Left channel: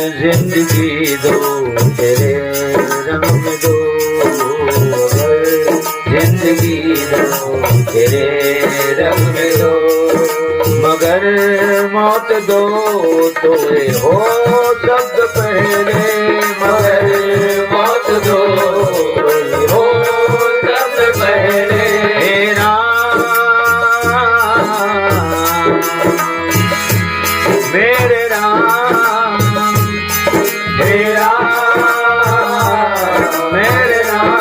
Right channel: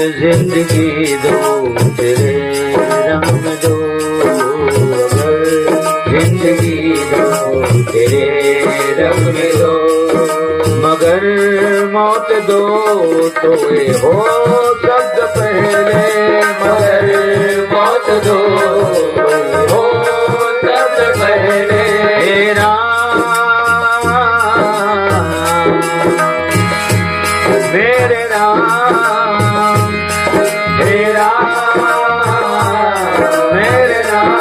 जिंदगी दो तेरे रंग में दो, अगर जिंदगी दो तेरे रंग में दो, मगर मौत दो तो ये हो सबसे पहले, मगर मौत दो ये हो सबसे पहले। मेरे राम मेरे राम मेरे राम,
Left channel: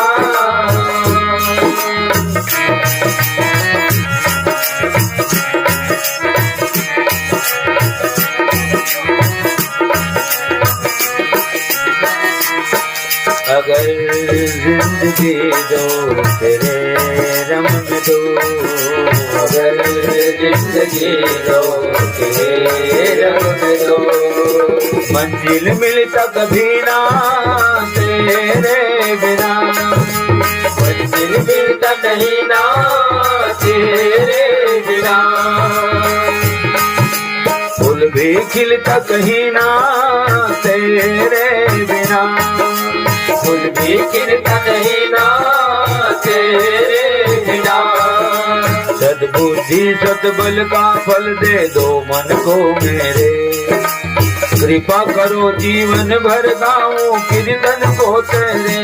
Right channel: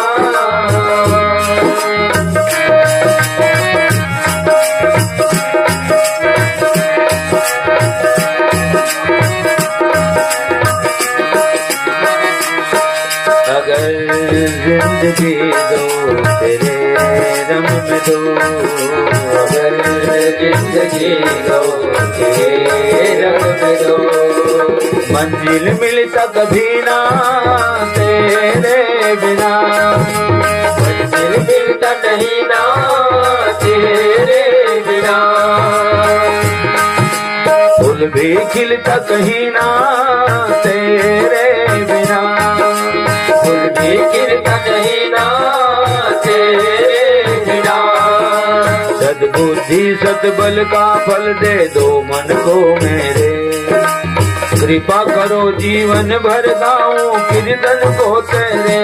अगर जिंदगी दो तेरे रंग में दो, अगर जिंदगी दो तेरे रंग में दो, मंजिल मिलता कभी ना तेरे बिना, मंजिल मिलता कहीं ना तेरे बिना, फूल भी खिलता कहीं ना तेरे बिना, फूल भी खिलता कहीं ना तेरे बिना। सद्बुद्धि सतबल का फल दे दो मन को मेरे, कृपा करो जीवन भर गाऊं कीर्तन को तेरे।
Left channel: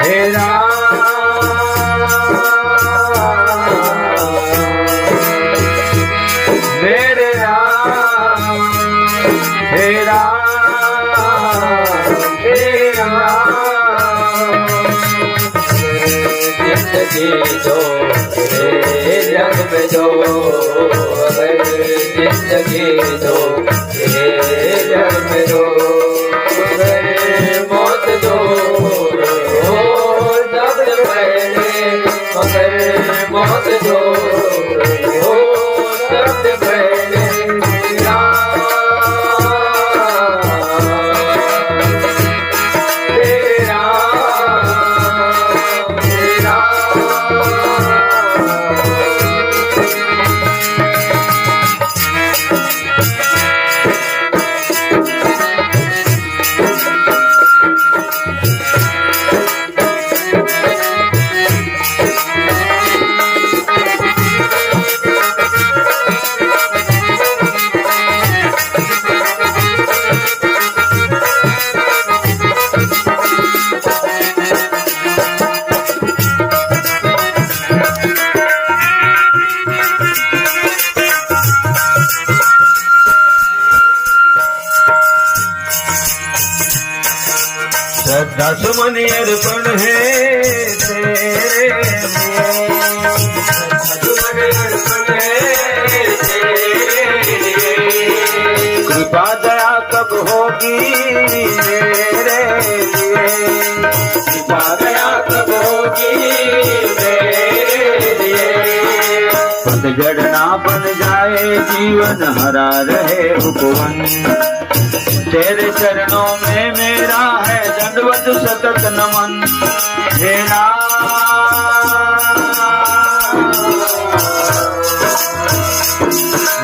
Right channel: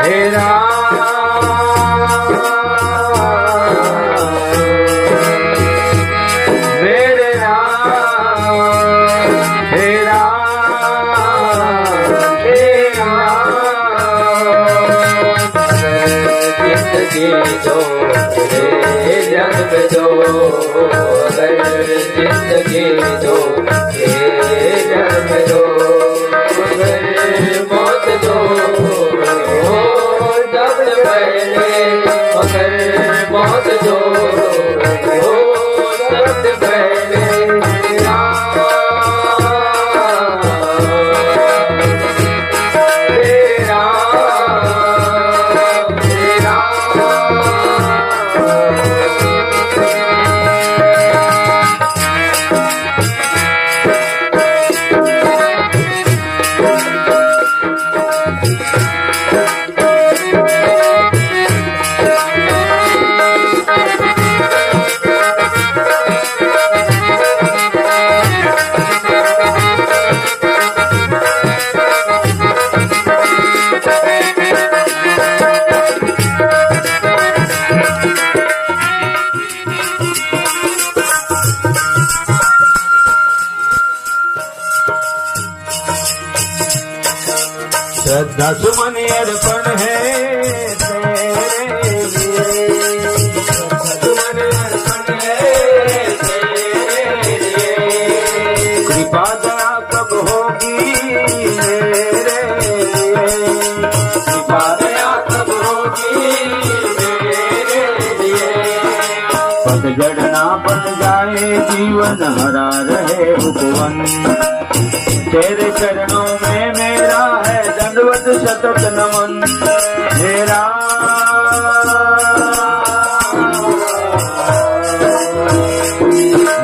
हे राम मेरे राम हे राम हे राम, जिंदगी दो तेरे जग में दो, अगर जिंदगी दो तेरे जग में दो, अगर मौत दो सबसे पहले, मगर मौत दो सबसे पहले। श्रद्धा सुमन अर्पण है तेरे लिए, सुमन अर्पण है तेरे लिए, कृपा दया कब होगी मेरे लिए, कृपा दया कब होगी मेरे लिए, पतझड़ ना बन जाए जीवन हरा रहे उपवन, तेरे चरणों में मेरा है दंडवत सतत नमन। हे राम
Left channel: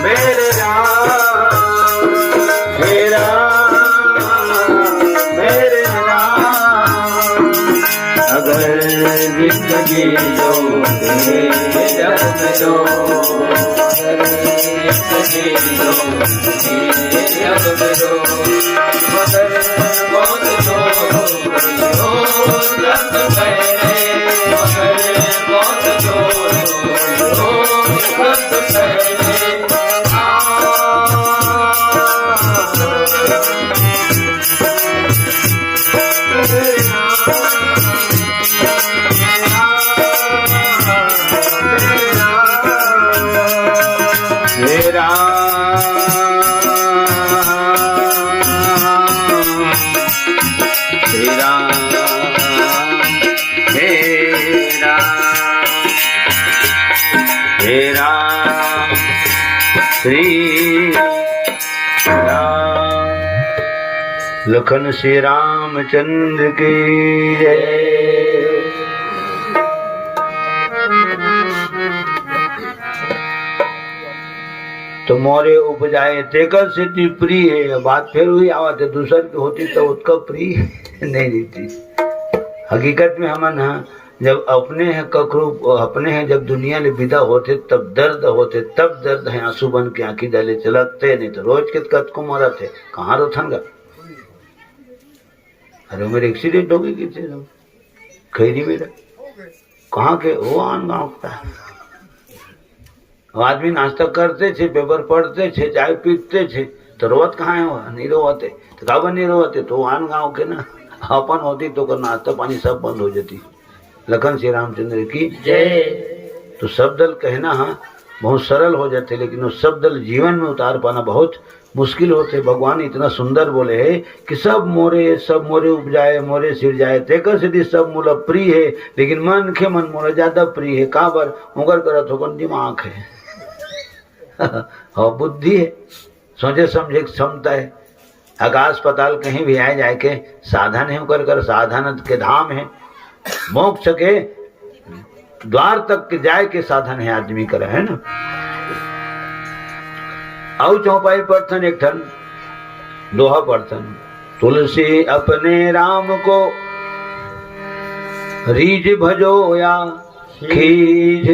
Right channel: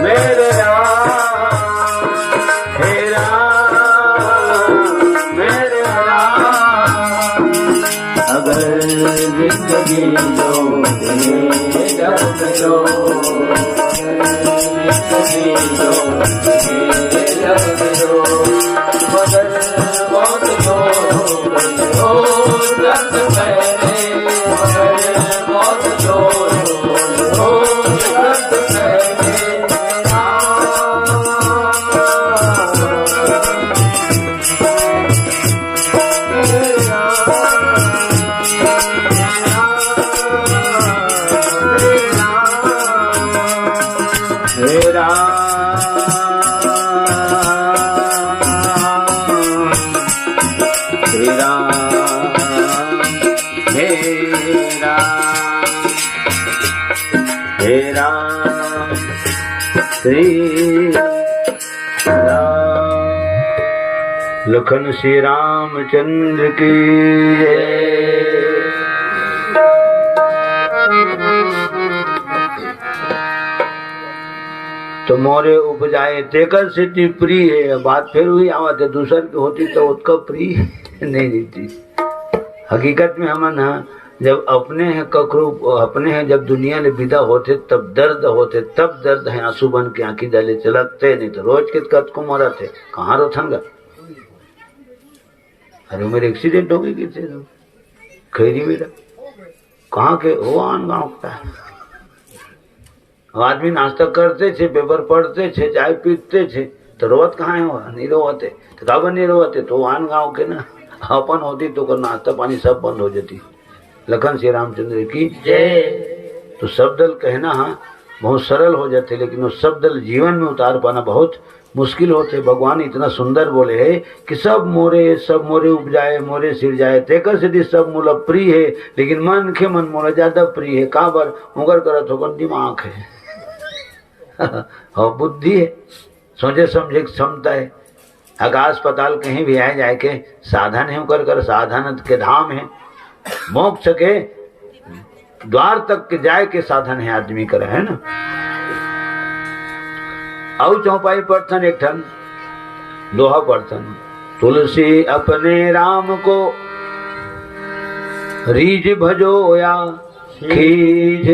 मेरे राम हे राम मेरे राम, अगर जिंदगी दो तेरे जग में दो, जिंदगी दो तेरे जग में दो, मगर मौत दो सबसे पहले, मगर मौत दो सबसे पहले। हे राम हे राम श्री राम, लखन श्री रामचंद्र की जय। तो मोरे उपजाए तेकर सिद्धि प्रिय है। बात फिर हुई आवाज दूसर की होती तो उसका प्रिय नहीं रहती। हकीकत में हम ना जब अपने हैं ककरू अपने हैं जब दुनिया ले विदा होते तब दर्द है आंसू बन के आंखी डाले चलते नहीं तो रोज के कद को मरा थे कहाँ रोथनगा। अरे मेरे एक्सीडेंट हो गई थे खैरी मेरा कहाँ के वो आन गाँव का आदमी नाश्ता करते थे पेपर पढ़ते थे चाय पीते थे तो रोवत कहाँ है नहीं रोवते तो काबर नहीं रोवते तो आन गाँव के ना अपन होती तो नाश्ता पानी सब बंद हो जाती। लखन श्री रामचंद्र की जय। तो शब्दल कहना बहुत सरल हो जाते लेकिन उस शब्दल जीवन में उतार पाना बहुत मुश्किल होते। भगवान इतना सुंदर बोले है कि सब मोरे उपजाए मोरे सिर जाए तेकर सिद्धि सब मूल प्रिय है लेकिन मन के मन मोला ज्यादा प्रिय है। काबर उगर करत होकर दिमाग है और बुद्धि है सोचे समझे क्षमता है। आकाश पताल कहीं भी आए जाए के साधन है कर साधन के धाम है। मोक्ष के द्वार तक के जाए के साधन है आदमी करे है ना। औ चौपाई पढ़थन एक ठन दोहा पढ़थन तुलसी अपने राम को रीझ भजो या खीज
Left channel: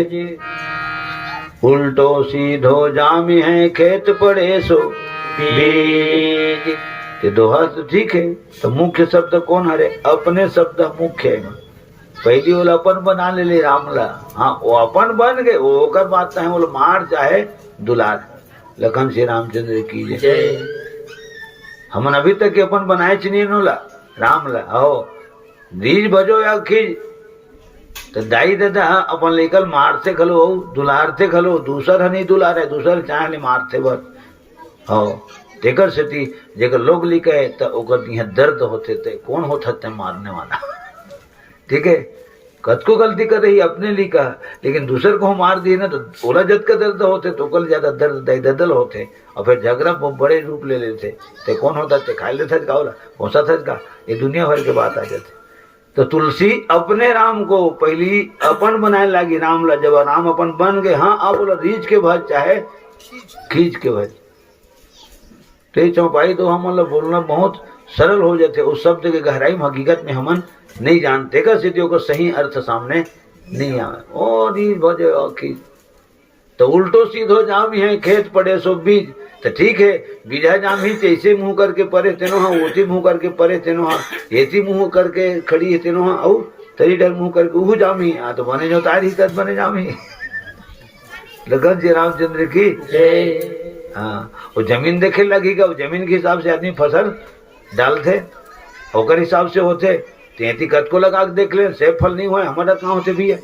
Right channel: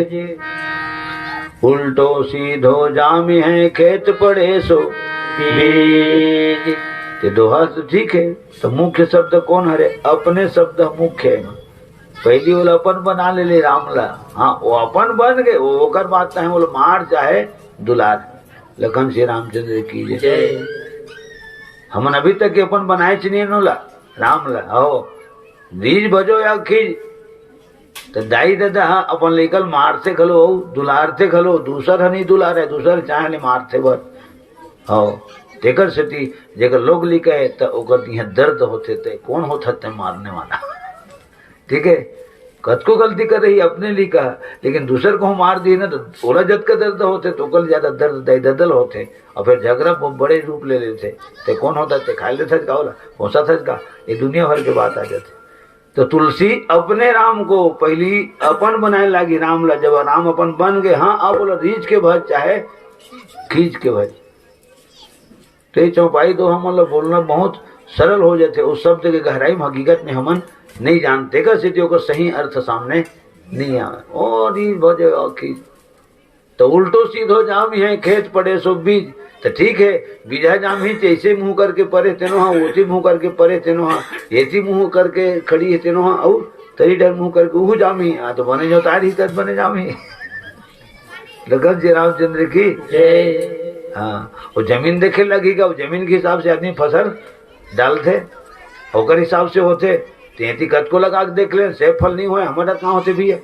उल्टो सीधो जामी है खेत पड़े सो बीज। ते दोहा तो ठीक है तो मुख्य शब्द कौन हरे अपने शब्द मुख्य है। पहली वो अपन बना ले रामला हाँ वो अपन बन गए वो कर बात है वो मार चाहे दुलार। लखन श्री रामचंद्र की जय। हमन अभी तक अपन बनाए नहीं नोला रामला हो बीज भजो या खीज तो दाई दादा अपन लेकर मारते खलो दुलारते खलो दूसर नहीं दुलार है दूसर चाहे मारते भर हो तेकर सती जेकर लोग लिखे है तो ओकर यहाँ दर्द होते थे कौन होता थे मारने वाला। ठीक है कद को गलती कर रही अपने लिखा लेकिन दूसर को मार दिए ना तो ओला जद का दर्द होते तो कल ज्यादा दर्द ददल होते और फिर झगड़ा बड़े रूप ले लेते ते कौन होता थे खा लेता का पहुंचा था का ये दुनिया भर के बात आ जाते। तो तुलसी अपने राम को पहली अपन बनाए लगी राम ला जब राम अपन बन गए हाँ आप बोला रीझ के भज चाहे खींच के भज। तो चौपाई तो हम बोलना बहुत सरल हो जाते उस शब्द के गहराई में हकीकत में हमन नहीं जानते का सिद्धियों का सही अर्थ सामने नहीं आवे। और भजे खींच तो उल्टो सीधो जाम है खेत पड़े सो बीज तो ठीक है बीजा जाम ही ऐसे मुंह करके परे तेनो हाँ ओसी मुंह करके परे तेनो हाँ ऐसी मुंह करके खड़ी है तेनो हाँ और तरी डर मुंह करके वो जाम ही तो बने जो तारी तद बने जाम ही। लखन श्री रामचंद्र की जय। हाँ वो जमीन देखे लगेगा वो जमीन के हिसाब से आदमी फसल डालते होकर हिसाब से होते तेती कद को लगा के देख ले सेब फल नहीं हुए हमारा कहाँ होते भी है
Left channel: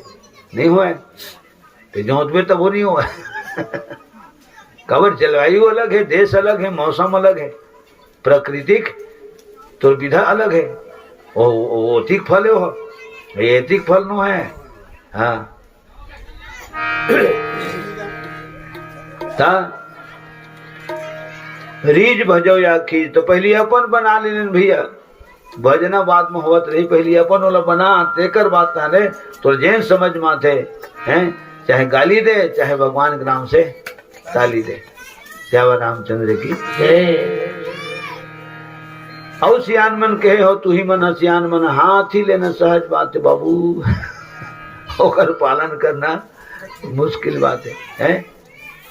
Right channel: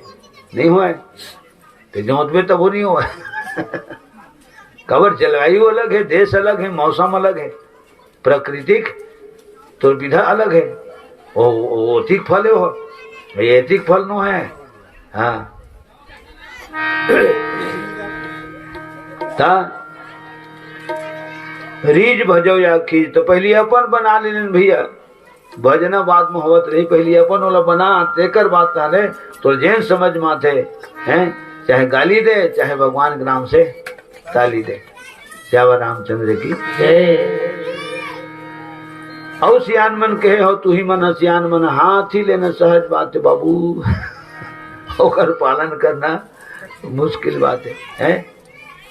नहीं हुए तो जोत में तब वो नहीं हुआ कबर जलवायु अलग है देश अलग है मौसम अलग है प्राकृतिक तो विधा अलग है वो ठीक फल है वो एतिक फल नो है। हाँ रीझ भजो या खींच तो पहली अपन बना लेने भैया भजना बात में होत रही पहली अपन वाला बना तेकर बात ताने तो जैन समझ माथे हैं चाहे गाली दे चाहे भगवान के नाम से ताली दे। श्यावा रामचंद्र की औ सियान मन कहे हो तू ही मन सियान मन हाथी लेना सहज बात है बाबू होकर पालन करना मुश्किल बात है।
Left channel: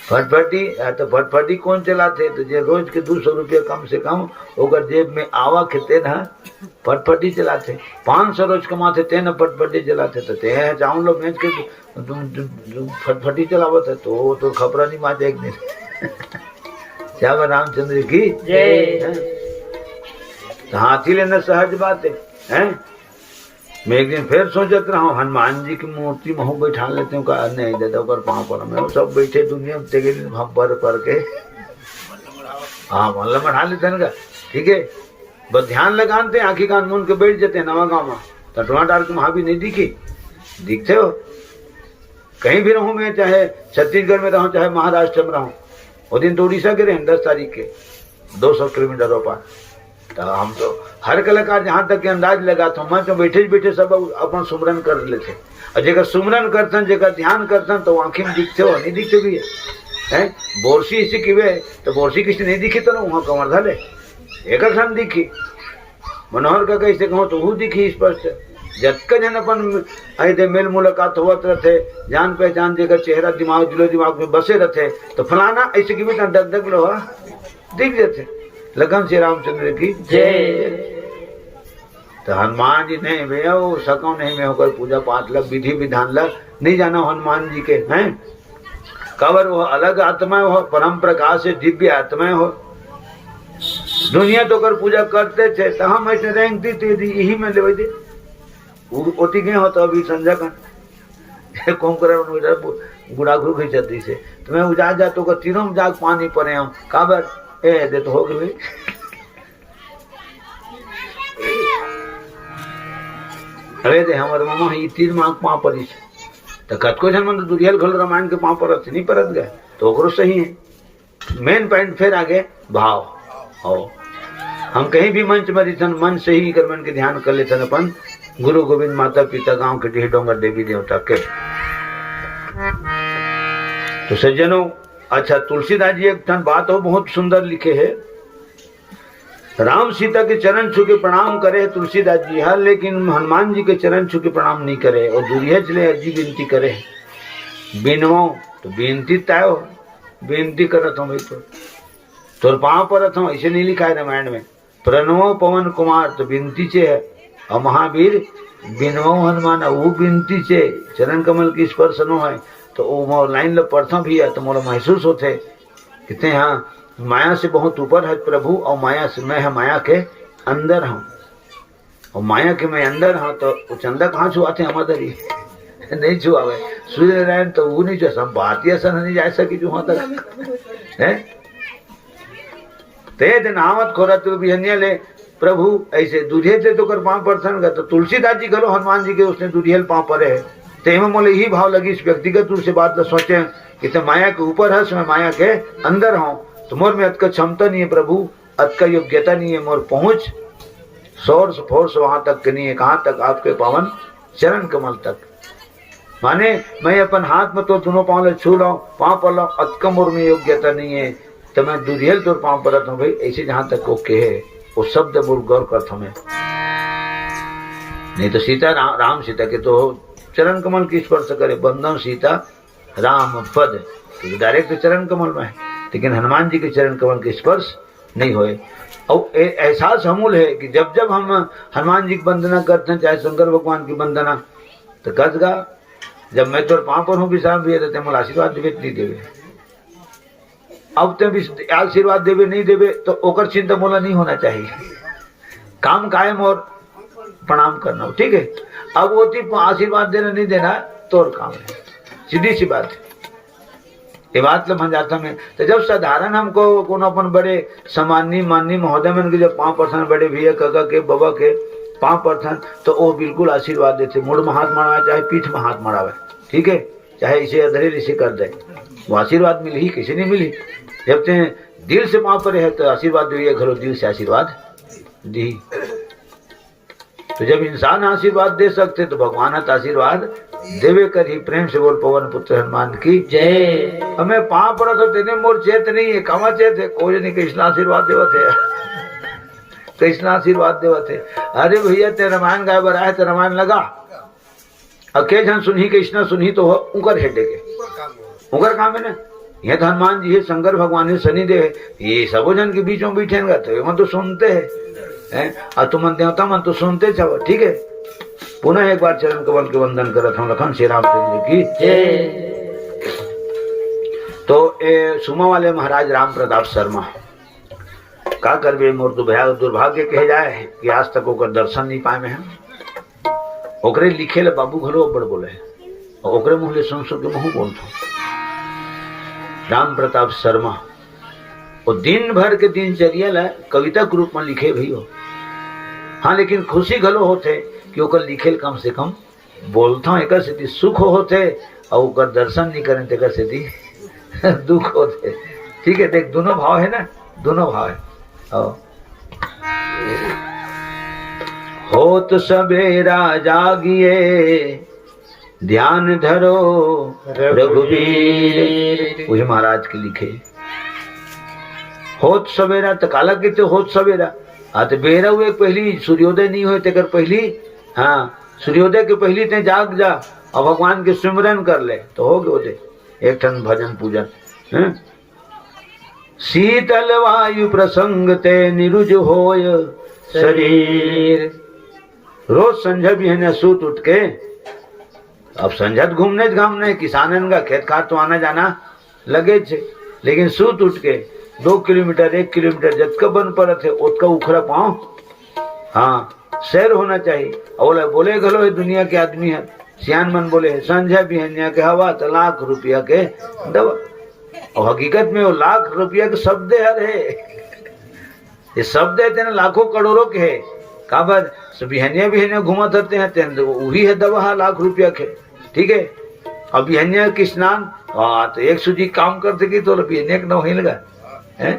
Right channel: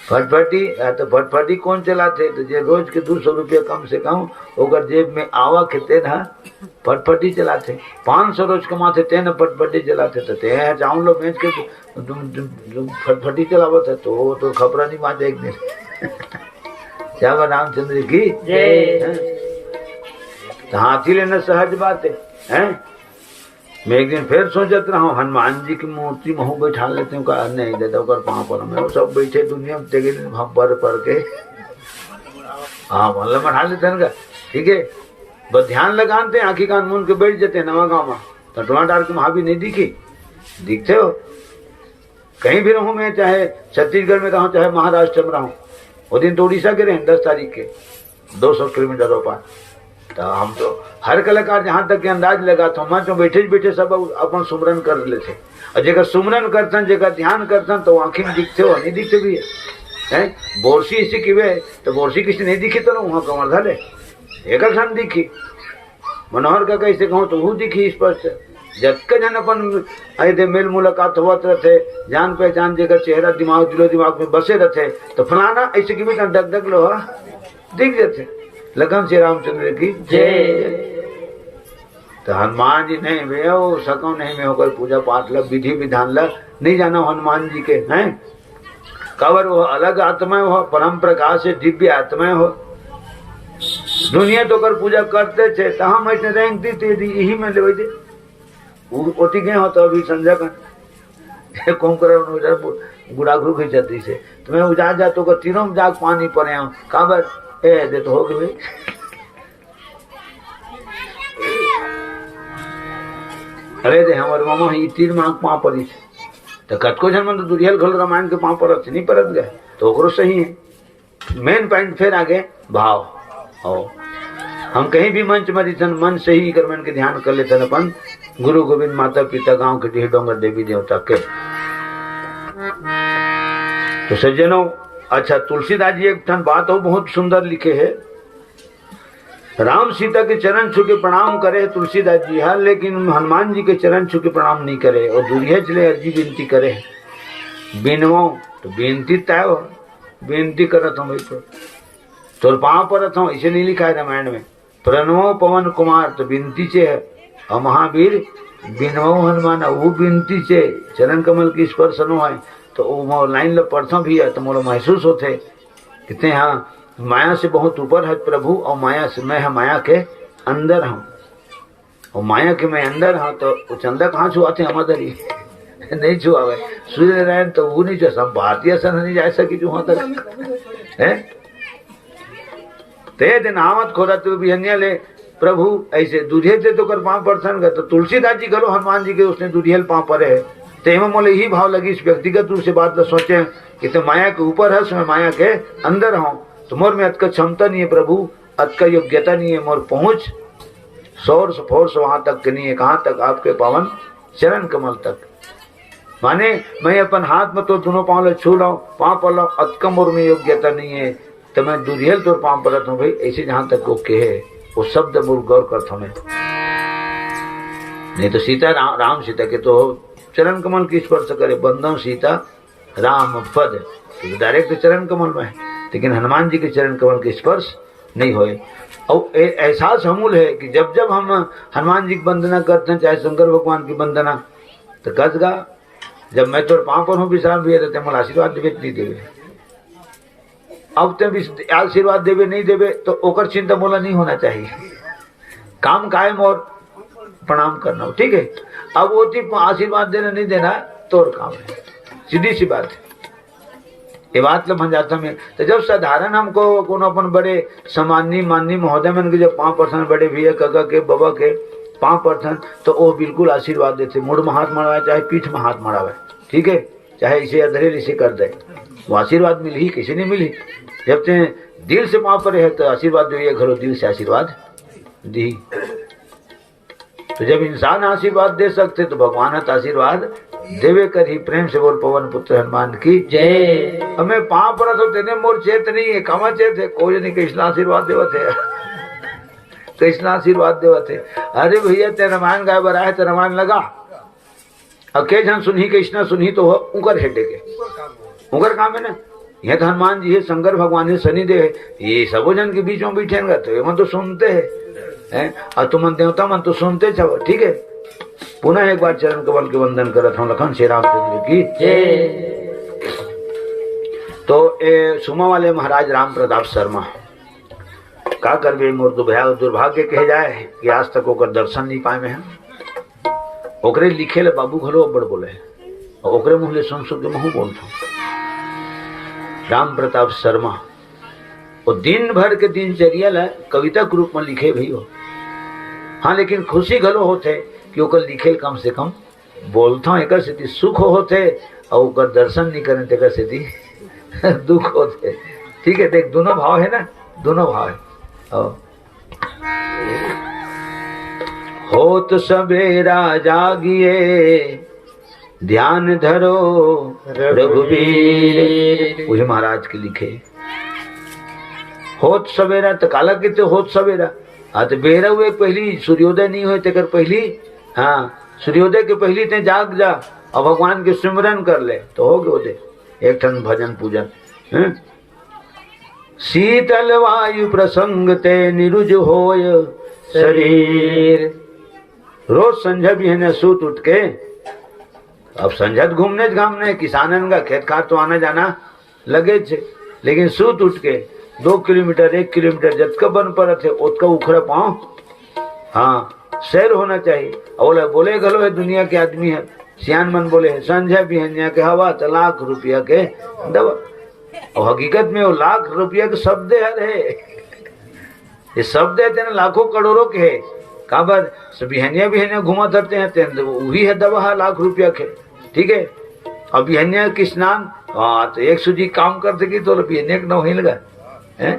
फटफटी तो फटफटी कौन चलाते तो जे रोज के 200 रुपया कम से कम होकर जेब में आवा खेते ना फटफटी चलाते 500 रोज कमाते ते न फटफटी चलाते तो ते चाउन लो बेच के तुम फटफटी चलावत है तो खबरा नहीं माते एक दिन। श्यामा रामचंद्र की जय। तो हाथी लेना सहज बात है। मैं एक दिन फिर सोचत रहा हूँ हनुमान जी की मूर्ति महू बैठा लेते हूँ कहा नहीं दादा कर पाँव पर मैं सब बैठे दुनिया में तेगे पर के हाँ मतलब बैठा लेते हैं का ठीक है बस ध्यान लगाते आँखी कान मुन के बैठ जाते नवा गाँव में तो टमाटर के वहां भी नहीं दिखते हो कहीं भी रहूं मैं चाहे छत्तीसगढ़ में रहूं चाहे महाराष्ट्र में रहूं वो दिन तो उड़ीसा के रहे 10 तारीख के 200 किलोमीटर पार तो हम तो हर कलाकार जहाँ तक के अंदाज लगाता हूँ मैं तो बैठे बैठे सब अपन सुमरन कर लेते और जेकर सुमरन करतन जेकर ध्यान करतन तो आंखें में दिखते हो नहीं दिखते भी है है बोरसी इसी किवे तो बोरसी किसी नहीं दिखी तो ना वहाँ कमर धले एक क्षण दिखी मनोहर का कैसे कहो तो वो दिखी स्पष्ट जतक जन अपन ऐसे मेल मुलाकात होत रहे जान पहचान जेकर चेहरा दिमाग दिलो दिमाग में बसे रहे तो फलाना ऐसे की भी डग डग लो दिख जाते लगन श्री रामचंद्र की जय। तो हनुमान जी नहीं भैया वो सको नहीं में होकर पूजा पाठ लग विधि विधान लग नहीं जाना हनुमान जी के हैं कवर वो अलग आत्मा हो परम प्रकाश से दिव्य आत्मा हो दुनिया तो कर पूजा करते थे तो हम ऐसे रैंक दी यही में ले दे ओती गए हो तो अभी संजय का कुंभकर्ण गुड़ा घुर गई जाती से तो मैं उजा जा तो तीनों जाग पानी पड़े हो काबर ए दे तो हो गए अरे दे हमारे मामा ही तीन मांग पाँव पड़ी से तो कतको जन मन दुरियल घल रामायण के पाँव परत नहीं परत गए तो ओकरो सही है मेन पॉइंट फिर आगे भाव हो हम कहीं भी मंच मरी मन से ही कर मन के ध्यान कर लेते अपन गुरु गोविंद माता पिता गांव के ढेर डोंगर देवी देवता के। तो सज्जनों अच्छा तुलसीदास जी एक ठन बात हो बहुत सुंदर लिखे है राम सीता के चरण छू के प्रणाम करे तुलसीदास जी हर लेकिन हनुमान जी के चरण छू के प्रणाम नहीं करे और दूरिया चले अर्जी विनती करे बिनो तो बेनती तय हो बेनती करत हूँ भाई तो पाँव परत हूँ इसे नहीं लिखा है रामायण में प्रणवो पवन कुमार तो बिनती से है और महावीर बिनवो हनुमान वो बिनती से चरण कमल की स्पर्श नो है तो वो लाइन लो पढ़ता भी है तो मोला महसूस होते कितने हाँ माया से बहुत ऊपर है प्रभु और माया से मैं माया के अंदर हूँ और माया के मैं अंदर हूँ तो चंदा कहाँ छुआते हम अंदर ही नहीं छुआवे सूर्य नारायण तो वो नहीं जो सब भारतीय सन नहीं जा सकी जो वहां तक है ते दिन आवत खोरा तू भी अन्य ले प्रभु ऐसे दूधिये थे तो कर पाँव परसन तो तुलसीदास जी करो हनुमान जी के उसने दूधियल पाँव परे है तो एवं मोले यही भाव लगी इस व्यक्तिगत रूप से बात तो सोचे कि तो माया के ऊपर है मैं माया के अंदर हूँ तो मोर में अत का क्षमता नहीं है प्रभु अत का योग्यता नहीं है मोर पहुंच सोर्स फोर्स वहां तक नहीं है कहाँ तक आपके पावन चरण कमल तक माने मैं अपन हाथ में तो दोनों पाँव छू लो पाँव पर लो अत का मोर में योग्यता नहीं है तो मैं दूरियल तो पाँव परत हूँ भाई ऐसे जहां तक वो कहे वो शब्द मोर गौर करता हूँ नहीं तो सीता राम सीता के तो चरण कमल की स्पर्श करे बंधन सीता राम पद तो डायरेक्ट चरण कमल में है लेकिन हनुमान जी के चरण कमल के स्पर्श नहीं होए और एहसास हमूल है कि जब जब हम हनुमान जी की वंदना करते हैं चाहे शंकर भगवान की वंदना तो गजगा जब मैं तो पाँव पर हूँ विश्राम भी रहते हैं आशीर्वाद देवे नहीं देवे अब तो आशीर्वाद देवे नहीं देवे तो ओकर चिंता मोला नहीं होना चाहिए काम कायम और प्रणाम करना हो ठीक है अब वो आशीर्वाद देना नहीं देना तो और काम है सीधी सी बात है ये बात लो जाता में तो जब साधारण हमको कौन अपन बड़े सम्मानी माननी महोदय मन के जब 5% बड़े भैया काका के बाबा के 5% तो वो बिल्कुल आशीर्वाद देते मुड़ में हाथ मड़ावे चाहे पीठ में हाथ मड़ावे ठीक है चाहे इसे अधरेल इसे कर दे वो आशीर्वाद मिली ही किसी नहीं मिली जब ते दिल से पाँव पड़े है तो आशीर्वाद दिए घरों दिल से आशीर्वाद दी तो जब इंसान आशीर्वाद दे सकते तो भगवान आशीर्वाद देवे कर ही प्रेम से बोल पवन पुत्र हनुमान की जय। हमें पाँव पड़ा तो तेने मोर चेत नहीं है कमा चेत है कोई नहीं कृष्ण आशीर्वाद देवा थे कृष्ण आशीर्वाद देवा थे अरे भैया ते रामायण गाय बरा है तो रामायण लगा अके जन सुनही कृष्ण सुनही तो उकर हेटे के उकर काम है ना यह तो हनुमान जी है शंकर भगवान है शनिदेव ये सबो जन के बीच में बैठेंगे तो ये मन तो सुनते हैं और तुम देवता मन तो सुनते छो ठीक है। पुनः एक बार चरण कमल के वंदन करत हूँ लखन श्री रामचंद्र की जय। तो सुमा वाले महाराज राम प्रताप शर्मा का करवे मोर दुर्भाग्य कहे जाए कि आज तक ओकर दर्शन नहीं पाए में ओकरे लिखे ले बाबू घरो बड़ बोले और ओकरे मुँह ले सुन के मुँह बोलता राम प्रताप शर्मा वो दिन भर के दिनचर्या ला कविता के रूप में लिखे भी हो हाँ लेकिन खुशी घलो होते कि ओकर लिखेल कम से कम बोलता एक स्थिति सुख होते और ओकर दर्शन नहीं करें तो स्थिति दुख होते ठीक है देख दोनों भाव है ना दोनों भाव है होत सवेरा जागिए ध्यान धरो रघुवीर। वही महाराज के लिखे। होत सवेरा तो काला किते होत सवेरा तो बेरा हुए पहली सूर्योदय नहीं हुए तेकर पहली। हाँ, सूर्योदय के पहली ते जाग जा और भगवान के सिमरन कर ले तो हो गए उदय। एक ठन भजन पूजन। शीतल वायु प्रसंग ते निरुज होय शरीर। रोज संझा भी है न सूत उठ के। अब संझत घूमने किसानन का खेत खार तो आना जाना लगे छे, लेकिन सूत उठ के 2 किलोमीटर 1 किलोमीटर जतका बन पर थे उतका उखरा पाओ। हाँ, सैर होना चाहिए। और बोले गलो है दुनिया के आदमी है सियान मन बोले है संझा भी है के हवा तो लाख रुपया के दवा। और हकीकत में वो लाख रुपया के शब्द है। ये शब्द है लाखों करोड़ों के है। काबर बिहनिया घुमा करते हैं वही है दवा लाख रुपया के। ठीक है, अब बिहनिया की स्नान तो एक सूजी काम करते की तो बिहनिया न वही लगा है।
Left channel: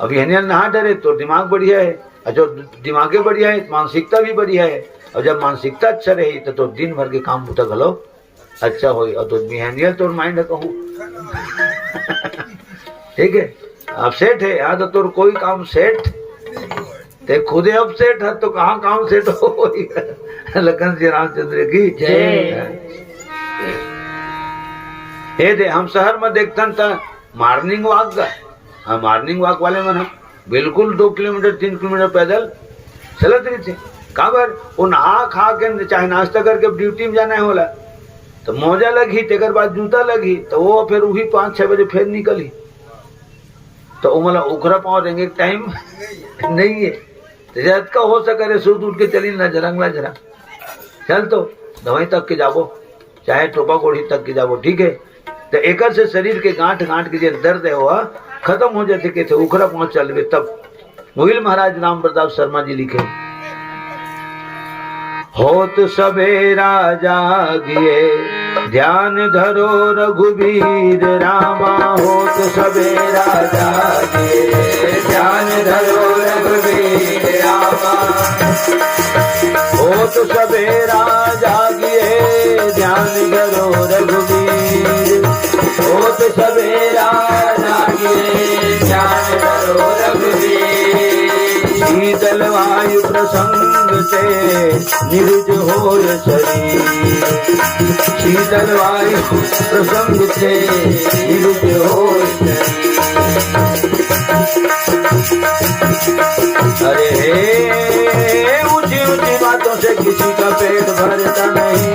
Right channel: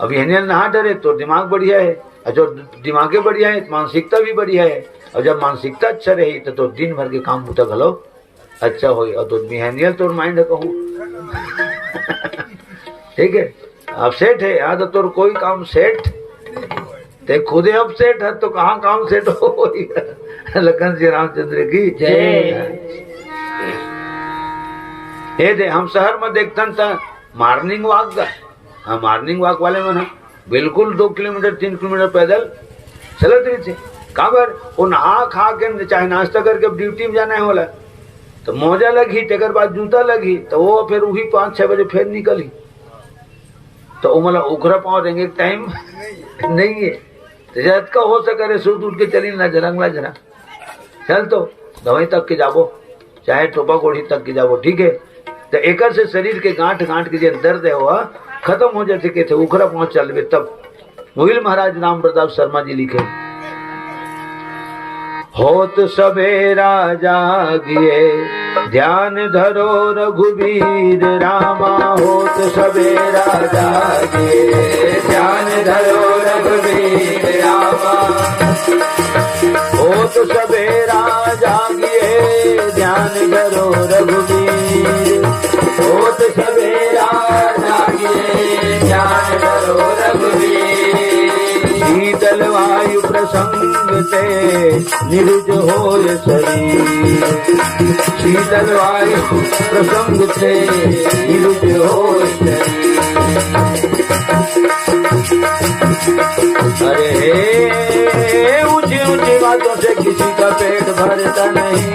अब बिहनिया नहा डरे तो दिमाग बढ़िया है, और जो दिमाग बढ़िया है मानसिकता भी बढ़िया है। और जब मानसिकता अच्छा रही तो दिन भर के काम बुता घलो अच्छा हो। और तो बिहनिया तो माइंड कहूँ ठीक है, अब सेठ है यहाँ तो तोर कोई काम सेठ ते खुदे अब सेठ है तो कहाँ काम सेठ हो। लखन जी रामचंद्र की जय। ये दे हम शहर में देखते था मॉर्निंग वॉक का। हाँ, मॉर्निंग वॉक वाले मन बिल्कुल 2 किलोमीटर 3 किलोमीटर पैदल चलत रही थे। काबर वो नहा खा के चाहे नाश्ता करके ड्यूटी में जाना होला तो मोजा लगी तेकर बाद जूता लगी तो वो फिर वही 5-6 बजे फिर निकली तो वो मतलब उखरा पाँव देंगे टाइम नहीं है। तो जब का हो सके सूत उठ के चली ना जरंगला जरा चल तो दवाई तक के जाबो चाहे टोपा गोड़ी तक के जाबो। ठीक है, तो एक से शरीर के गांठ के जो दर्द है वह खत्म हो जाते के थे उखरा पहुंच चल तब। वही महाराज राम प्रताप शर्मा जी लिखे। होत सवेरा जागिए ध्यान धरो रघुवीर रामा। होत सवेरा जागिए ध्यान धरो रघुवीर रामा। होत सवेरा जागिए ध्यान धरो रघुवीर। होत सवेरा जागिए ध्यान धरो रघुवीर। शीतल वायु प्रसंग से निरुज होय शरीर। शीतल वायु प्रसंग से निरुज होय शरीर। अरे ऊंची ऊंची बातों से किसी का पेट भरता नहीं।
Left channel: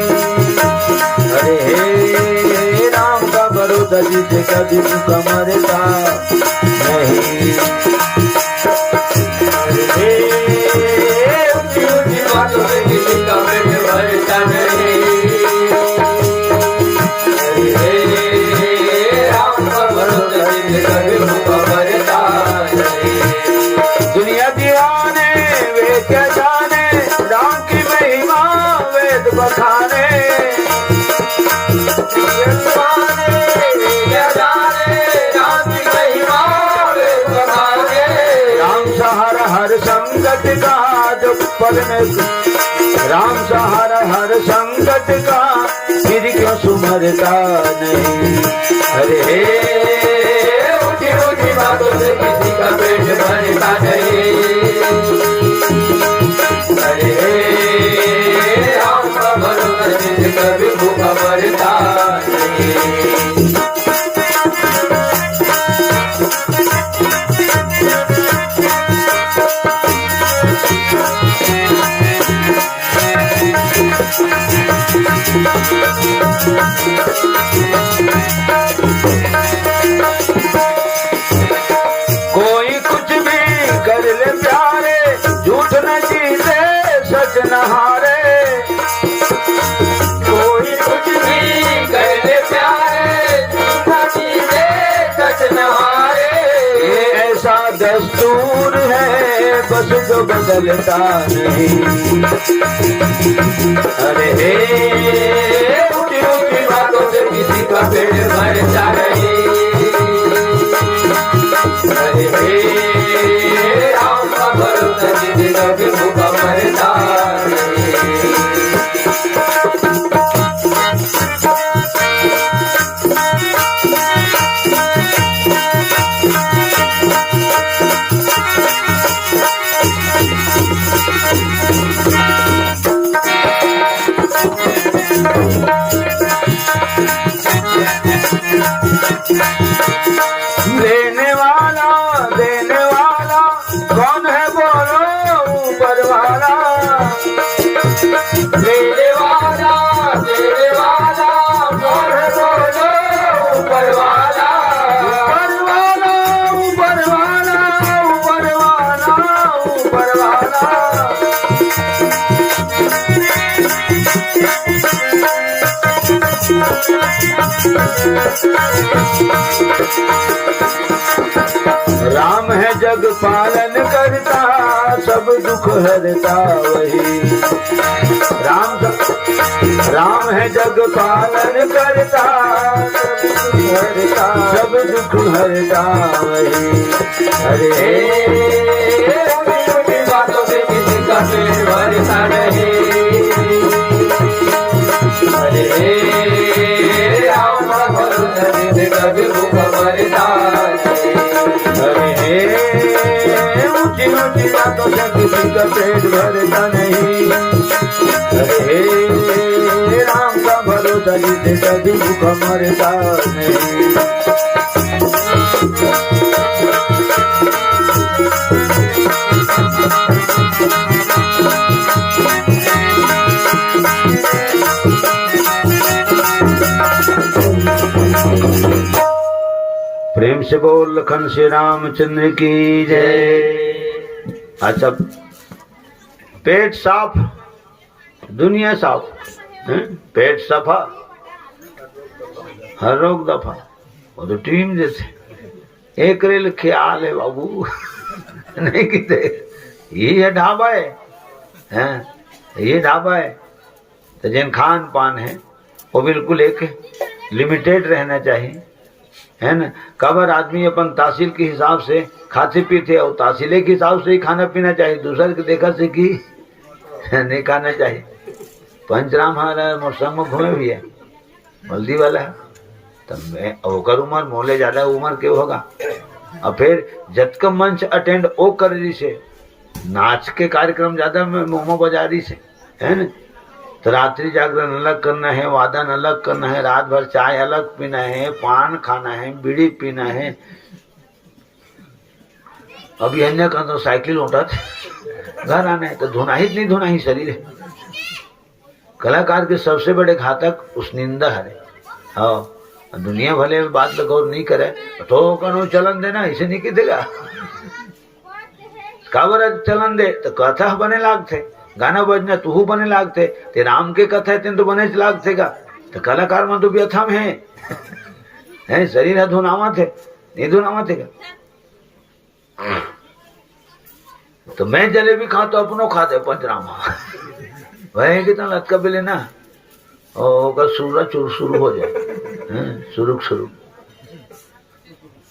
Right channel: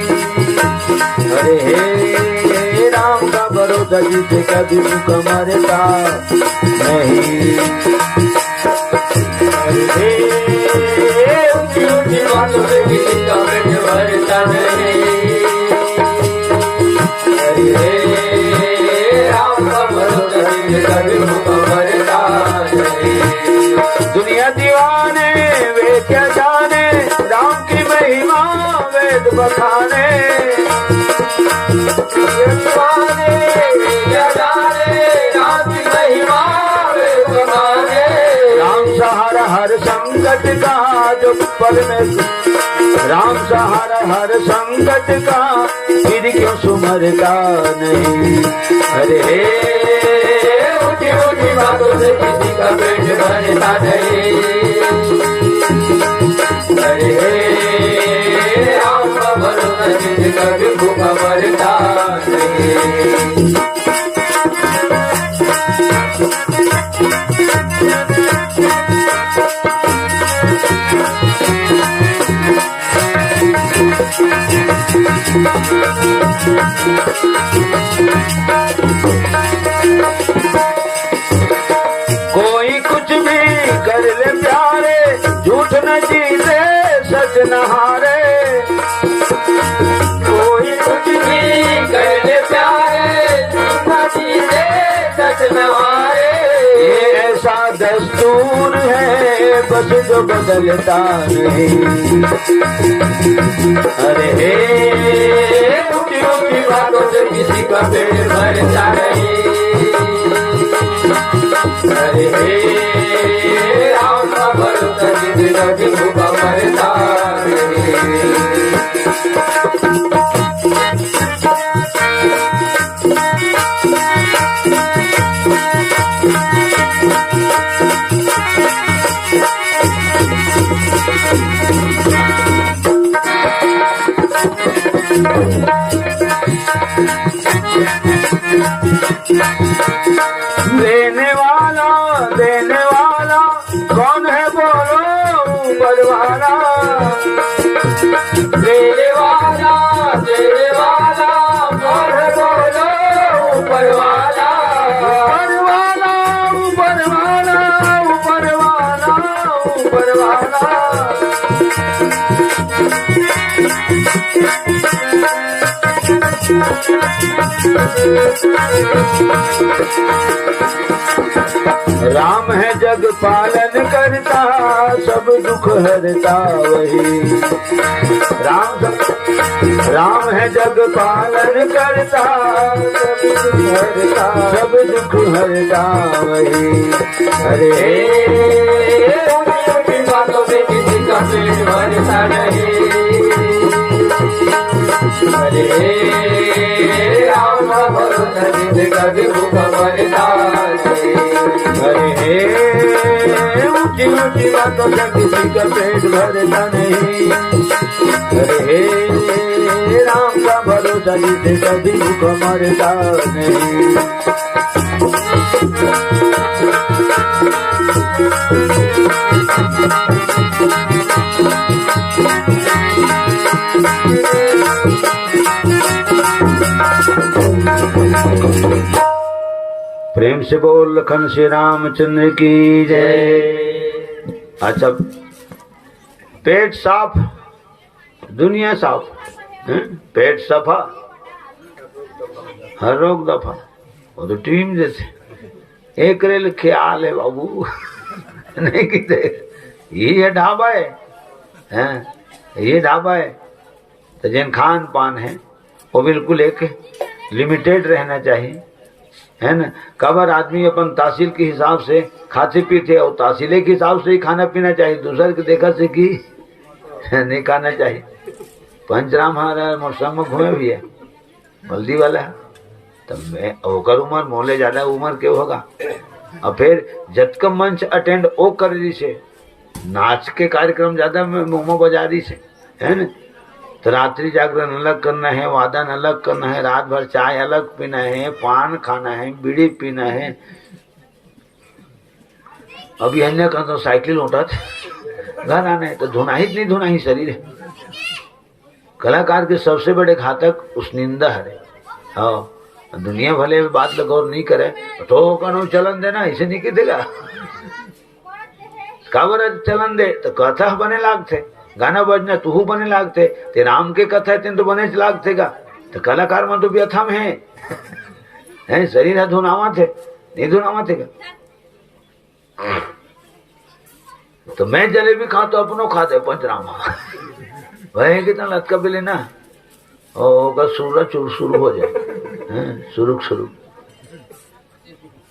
अरे राम का भरोसा जिसे कभी भूखा मरता नहीं। दुनिया दीवाने वे क्या जाने राम की महिमा वेद बखाने। राम सहारा हर संकट का जब परमेश्वर। राम सहारा हर संकट का फिर क्यों सुमरता नहीं। अरे ऊंची ऊंची बातों से किसी का पेट भरता नहीं। अरे राम का भरोसा जिसका भी भूखा मरता नहीं। कोई कुछ भी कर ले प्यारे झूठ न जीते सच न हारे। कोई कुछ भी कर ले प्यारे झूठ न जीते सच न हारे। ये ऐसा दस्तूर है बस जो बदलता नहीं। अरे ऊंची ऊंची बातों से किसी का पेट भरता नहीं। अरे राम का भरोसा जिसका भी भूखा मरता नहीं। देने वाला कौन है बोलो ऊपर वाला। देने वाला कौन है बोलो ऊपर वाला। ऊपर वाला राम है जग पालन करता, सब दुख हरता वही। राम है जग पालन करता, सब दुख हरता वही। अरे बातों में किसी का पेट भरता रहे। अरे राम का भरोसा जिद कभी भूख भरता। अरे ऊंची ऊंची बातों से किसी का पेट भरता नहीं। अरे राम का भरोसा जिसे कभी भूख मरता नहीं। प्रेम से बोल लखन श्री रामचंद्र की जय। अच्छा, पेट साफ, दुनिया साफ, पेट सफा, हर रोग दफा। वो तो टीम जैसे एक रेल ख्याल है बाबू। नहीं किते ये ढाबा है, ये ढाबा है। तो जिन खान पान है वो बिल्कुल एक लिमिटेड रहना चाहिए, है ना। कबर आदमी अपन तहसील के हिसाब से खाते पीते और तहसील के हिसाब से ही खाना पीना चाहिए। दूसरे के देखा से कि नहीं खाना चाहिए। पंचराम हमारा मोटरसाइकिल में घूमे भी है, हल्दी वाला। तब मैं होकर उम्र मोले ज्यादा उम्र क्यों होगा। और फिर जत का मंच अटेंड ओ कर रही से, नाच के कार्यक्रम ज्यादा में मोमो बाजारी से, है ना। तो रात्रि जागरण अलग करना है, वादन अलग करना है, रात भर चाय अलग पीना है, पान खाना है, बीड़ी पीना है। अभी अन्य का तो साइकिल उठा थे, घर आना है तो धोना ही नहीं धोना ही शरीर है। कलाकार के सबसे बड़े घातक उस निंदा है। हाँ, दुनिया भले बात गौर नहीं करे तो कनो चलन देना, इसे नहीं देगा। काबर चलन दे तो कथा बने लागते, गाना बजना तू बने लागते। ते राम के कथा है तो बने लागते का। तो कलाकार में तो व्यथा में है, शरीर है धुनावा थे, नहीं धुनावा थे का। तो मैं जलेबी खा तो अपनो खाते पंचरामा। वह कितना लटका भी लेना और सूरज शुरू हो जाए, शुरू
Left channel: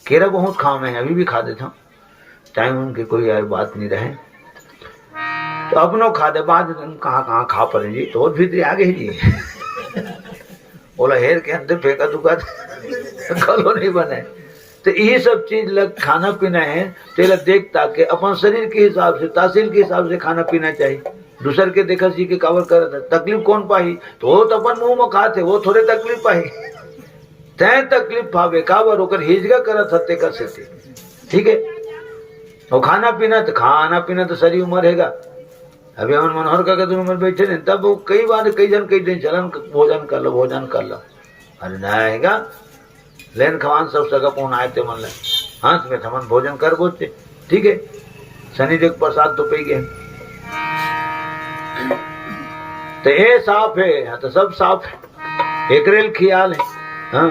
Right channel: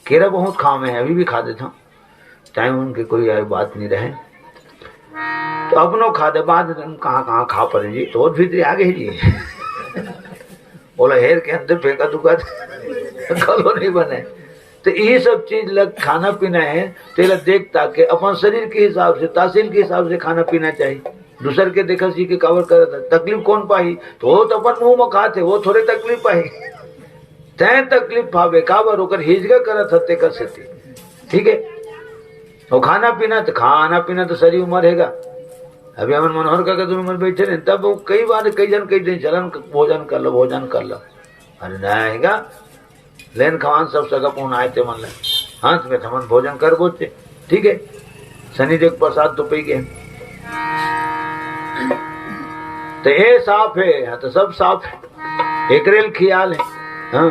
केरा बहुत खाम है, अभी भी खा देता हूँ, चाहे उनकी कोई यार बात नहीं रहे। तो अपनो खा दे, बाद कहाँ खा पड़े जी। तो भीतर आ गए जी, बोला हेर के अंदर फेंका दुका कलो नहीं बने। तो ये सब चीज लग खाना पीना है तेरा देख ताके अपन शरीर के हिसाब से, तहसील के हिसाब से खाना पीना चाहिए। दूसर के देखा सी के कावर कर तकलीफ कौन पाई, तो वो तो अपन मुंह में खाते, वो थोड़े तकलीफ पाई। तय तकलीफ पावे कावर होकर हिजगा करत हते कर सकते, ठीक है। और खाना पीना तो सारी उम्र हैगा। अभी हम मनोहर का उम्र बैठे नहीं, तब वो कई बार कई दिन चलन भोजन कर लो। अरे नया लेन खवान सब जगह पहुंच आए थे, मन हाथ में थमन भोजन कर बोलते, ठीक है। शनिदेव प्रसाद तो पी गए। तो ये साफ है, तो सब साफ है, एकरेल ख्याल है। हाँ,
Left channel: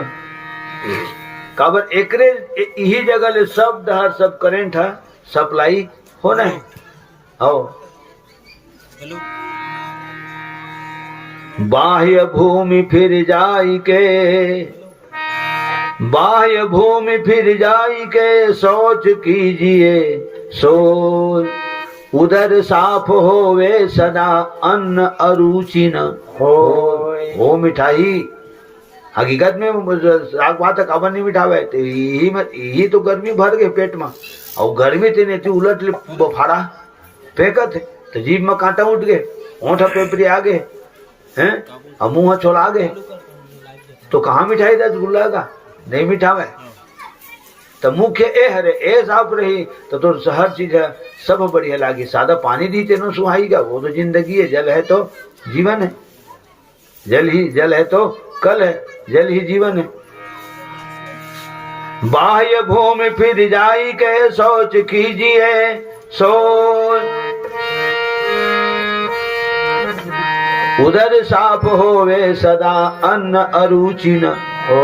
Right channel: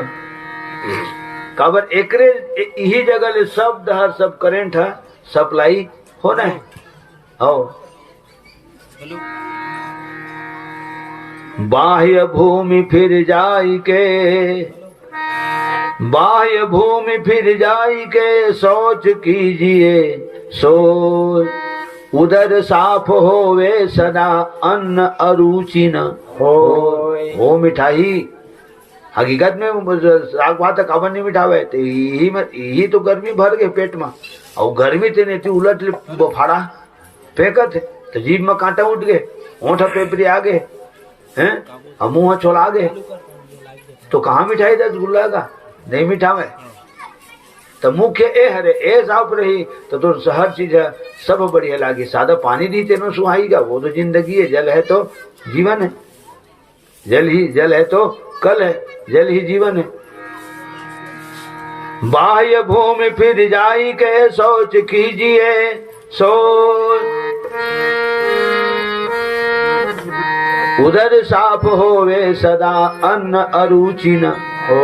काबर एकरेल यही जगह ले सब दहर सब करेंट है सप्लाई होना है। बाह्य भूमि फिर जाई के सोच कीजिए सोच, उधर साफ होवे सदा अन्न अरुचि न हो मिठाई। हकीकत में साग भात कवन नहीं मिठावे, तो यही तो गर्मी भर गए पेट में। और गर्मी थे नहीं थी उलट बफाड़ा फेंकत है, तो जीभ में कांटा उठ गए, होंठ पेपरी आ गए हैं, और मुंह छोड़ा गए, तो कहाँ मिठाई रसगुल्ला का नहीं मिठा में। तो मुख्य ए हरे ए साफ रही तो हर चीज है सब बढ़िया लागी। सादा पानी दी तेनो सुहाईगा, वो तो जिंदगी है। जल है तो जीवन है, जल है तो कल है, जल ही जीवन है। बाह्य भूमि फिर जाई के सोच कीजिए, सोच उधर साफ होवे सदा अन्न अरुचि न हो।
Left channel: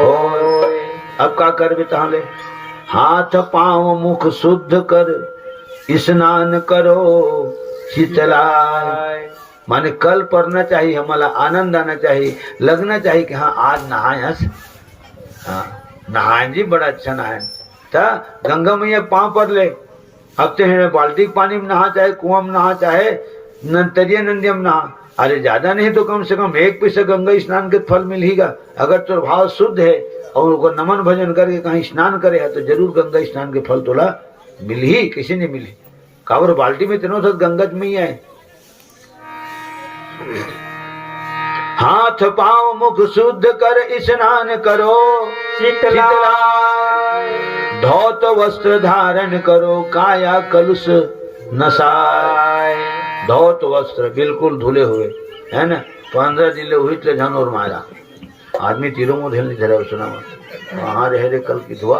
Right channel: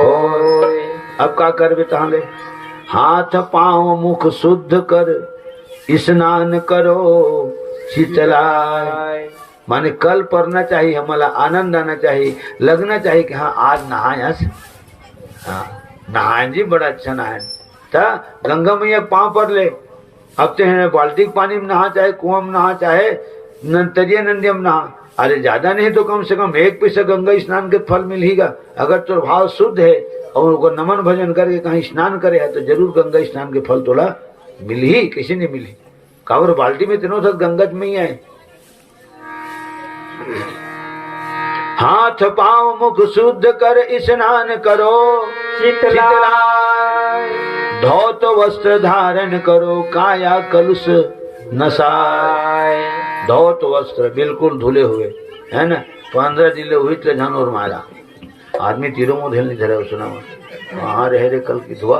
अब का कर बेताले, हाथ पांव मुख शुद्ध कर स्नान करो शीतला। माने कल पड़ना चाहिए, हमारा आनंद आना चाहिए, लगना चाहिए कि हाँ आज नहाया, हाँ नहाए जी, बड़ा अच्छा नहाए था। गंगा मैया पांव पर ले, अब तो है बाल्टी पानी में नहा, चाहे कुआं में नहा, चाहे तरिया नंदिया में नहा। अरे ज्यादा नहीं तो कम से कम एक पैसा गंगा स्नान के फल मिलेगा। अगर तो भाव शुद्ध है और उनको नमन भजन करके कहीं स्नान करे है तो जरूर गंगा स्नान के फल तोला मिल ही, किसी ने मिली। कावर बाल्टी में तीनों तक गंगा में ही आए। हाथ पांव मुख शुद्ध कर स्नान करो शीतला, धौत वस्त्र धारण करो काया कलुष नसाय। धौत वस्त्र बिल्कुल धुले हुए है ना, 15 दिन हुई तो जानवर मारा आदमी तीरों मुँह झेल नहीं धरे। सुना वहां रह रे कल की धुआ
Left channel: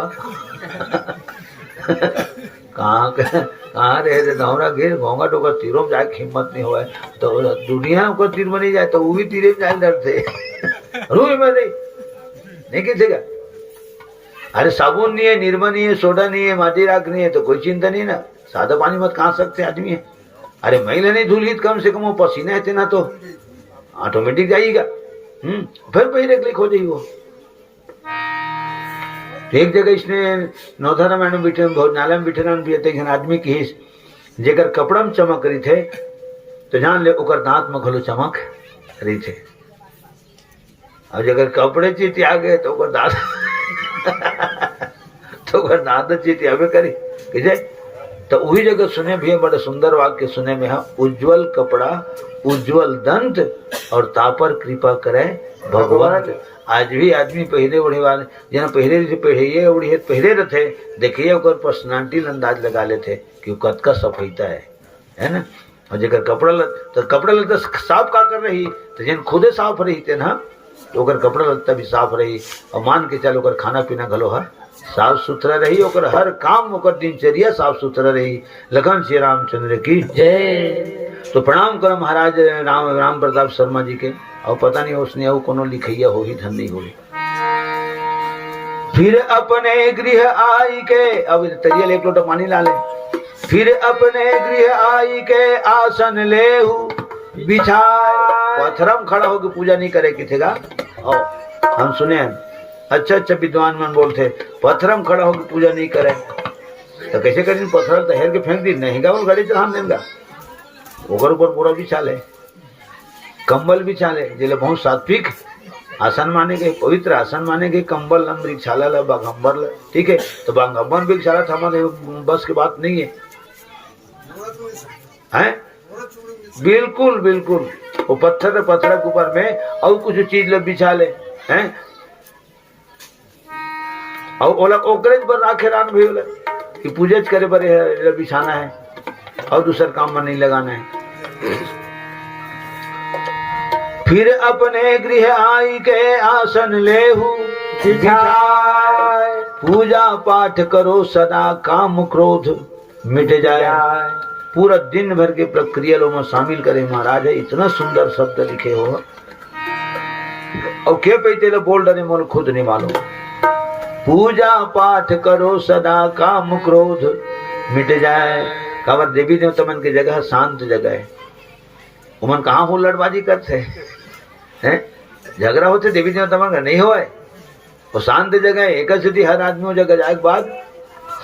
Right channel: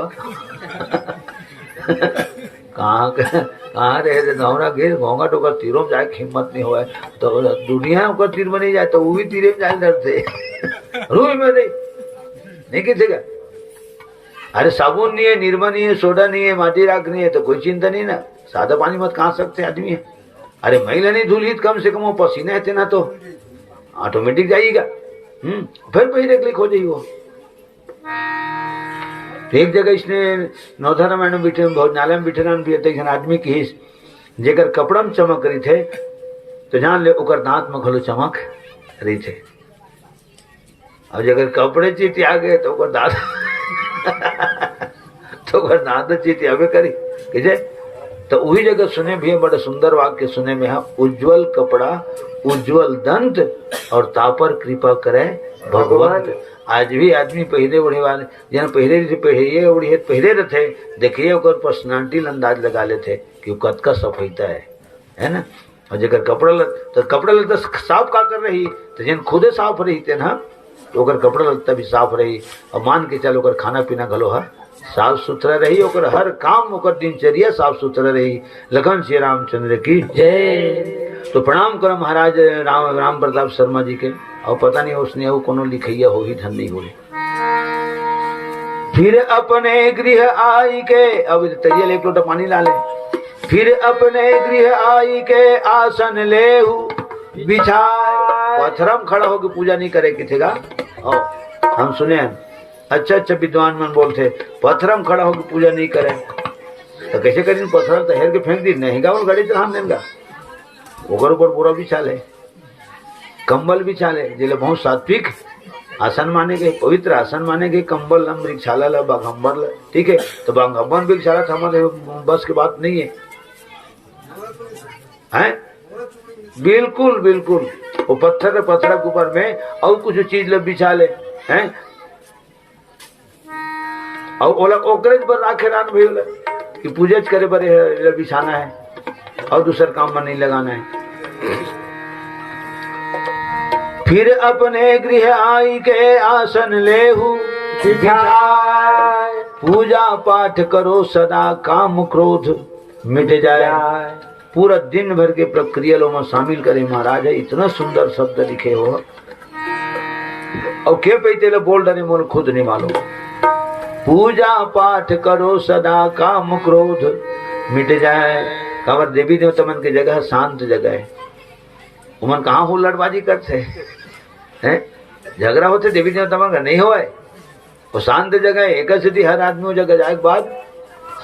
कहाँ रहे रे दौरा घेर भोंगा टोकर तीरों में जाए हिम्मत नहीं हुआ तो दुनिया को तीर में नहीं जाए तो वो भी तीरे में जाए डरते रूई में नहीं किसेगा। अरे साबुन नहीं है, निर्मा नहीं है, सोडा नहीं है, माटी राख नहीं है तो कोई चिंता नहीं ना। सादा पानी मत कहा सकते आदमी है। अरे महिला नहीं धुली कम से कम वो पसीना है ना तो ऑटोमेटिक जाएगा। फिर पहले क्लिक हो जाइए। वो एक जगह इसने नौधारा मैंने बैठे भोजनालय में बैठे रहन आदमी की हिस जेकर कपड़ा में चमक रही थे तो जान ले ओकर दांत में घलो चमक रही थे। और जगह कपड़े चीती आ गए तो ओकर दांत तो ओकर दांत चीती आवे करी कि तो वही जगह सुने भी है, बड़ा सुंदर वाक्य सुने में है, उज्जवल कपड़ा उज्जवल दंत और तापर कृपा करे भगवान। आज भी आदमी पहले ओढ़े वाले जहाँ पहले ओढ़ी पहले रहते देखिए ओकर पर्सनालिटी अंदाज लगा लेते कि कद का सफाईता है ना। और जगह कपड़ा लत्ता साफ का कर रही तो जन खुदे साफ रही थे ना तो ओकर कपड़ा लत्ता भी साफ रही। और मान के चलो ओकर खाना पीना घलो हर साफ सुथरा रही, ओकर हर काम ओकर दिनचर्या साफ सुथरा रही। लखन श्री रामचंद्र की जय। तो प्रणाम करो महाराज राम प्रताप शर्मा जी के। और पता नहीं उसने वो कोनो लिखैया हो ही धन नहीं होगी। फिर अपने गृह आई के, अब तरियल एक लोटा पानी ला ले। फिर अपने गृह आई के आसन ले बिछाए। पत्थरम खड़ा होकर पूजा नहीं करे किथेगा। हम सुने अच्छा विद्वान मन बोलते पत्थरम खड़ा होकर पूजा नहीं करे तो कैसे करें। पत्थर तो हेर के फेंक दी नहीं गा, वो गाड़ी चढ़ा देगा। ओकर ऊपर पूरा बिछा ले, कंबल बिछा ले, जिले बहुत सात्विक आसन माने गए, पवित्र आसन माने गए। कंबल वृक्षाला ला बाघम्बर ला, ठीक है। तो बाघम्बर वृक्षाला था हमारे बस की बात नहीं है, हैं? बिल्कुल बिल्कुल वो पत्थर के ऊपर में और कुछ चीज ले बिछा ले हैं। और ओला ओकरेज पर राखे रान भी कि पूजा करे पर बिछाना है और दूसरा काम में नहीं लगाना है। फिर अपने गृह आई के आसन लेहू पूजा पाठ करो सदा काम क्रोध मिट जाए। पूरा दिन भर के प्रक्रिया में शामिल करे महाराज है। इतना सुंदर शब्द लिखे हो और के पैते बोल डरे मोल खुद नहीं मालूम। पूजा पाठ करो सदा काम क्रोध मिट जाए। काबर देवी देवता मन की जगह शांत जगह है। उमन कहाँ हो लड़बाजी करते हैं, झगड़ा होते देवी देवता मन का नहीं हो। वो शांत जगह है, एक सिद्धि हर आदमी वो जगह जाए के बाद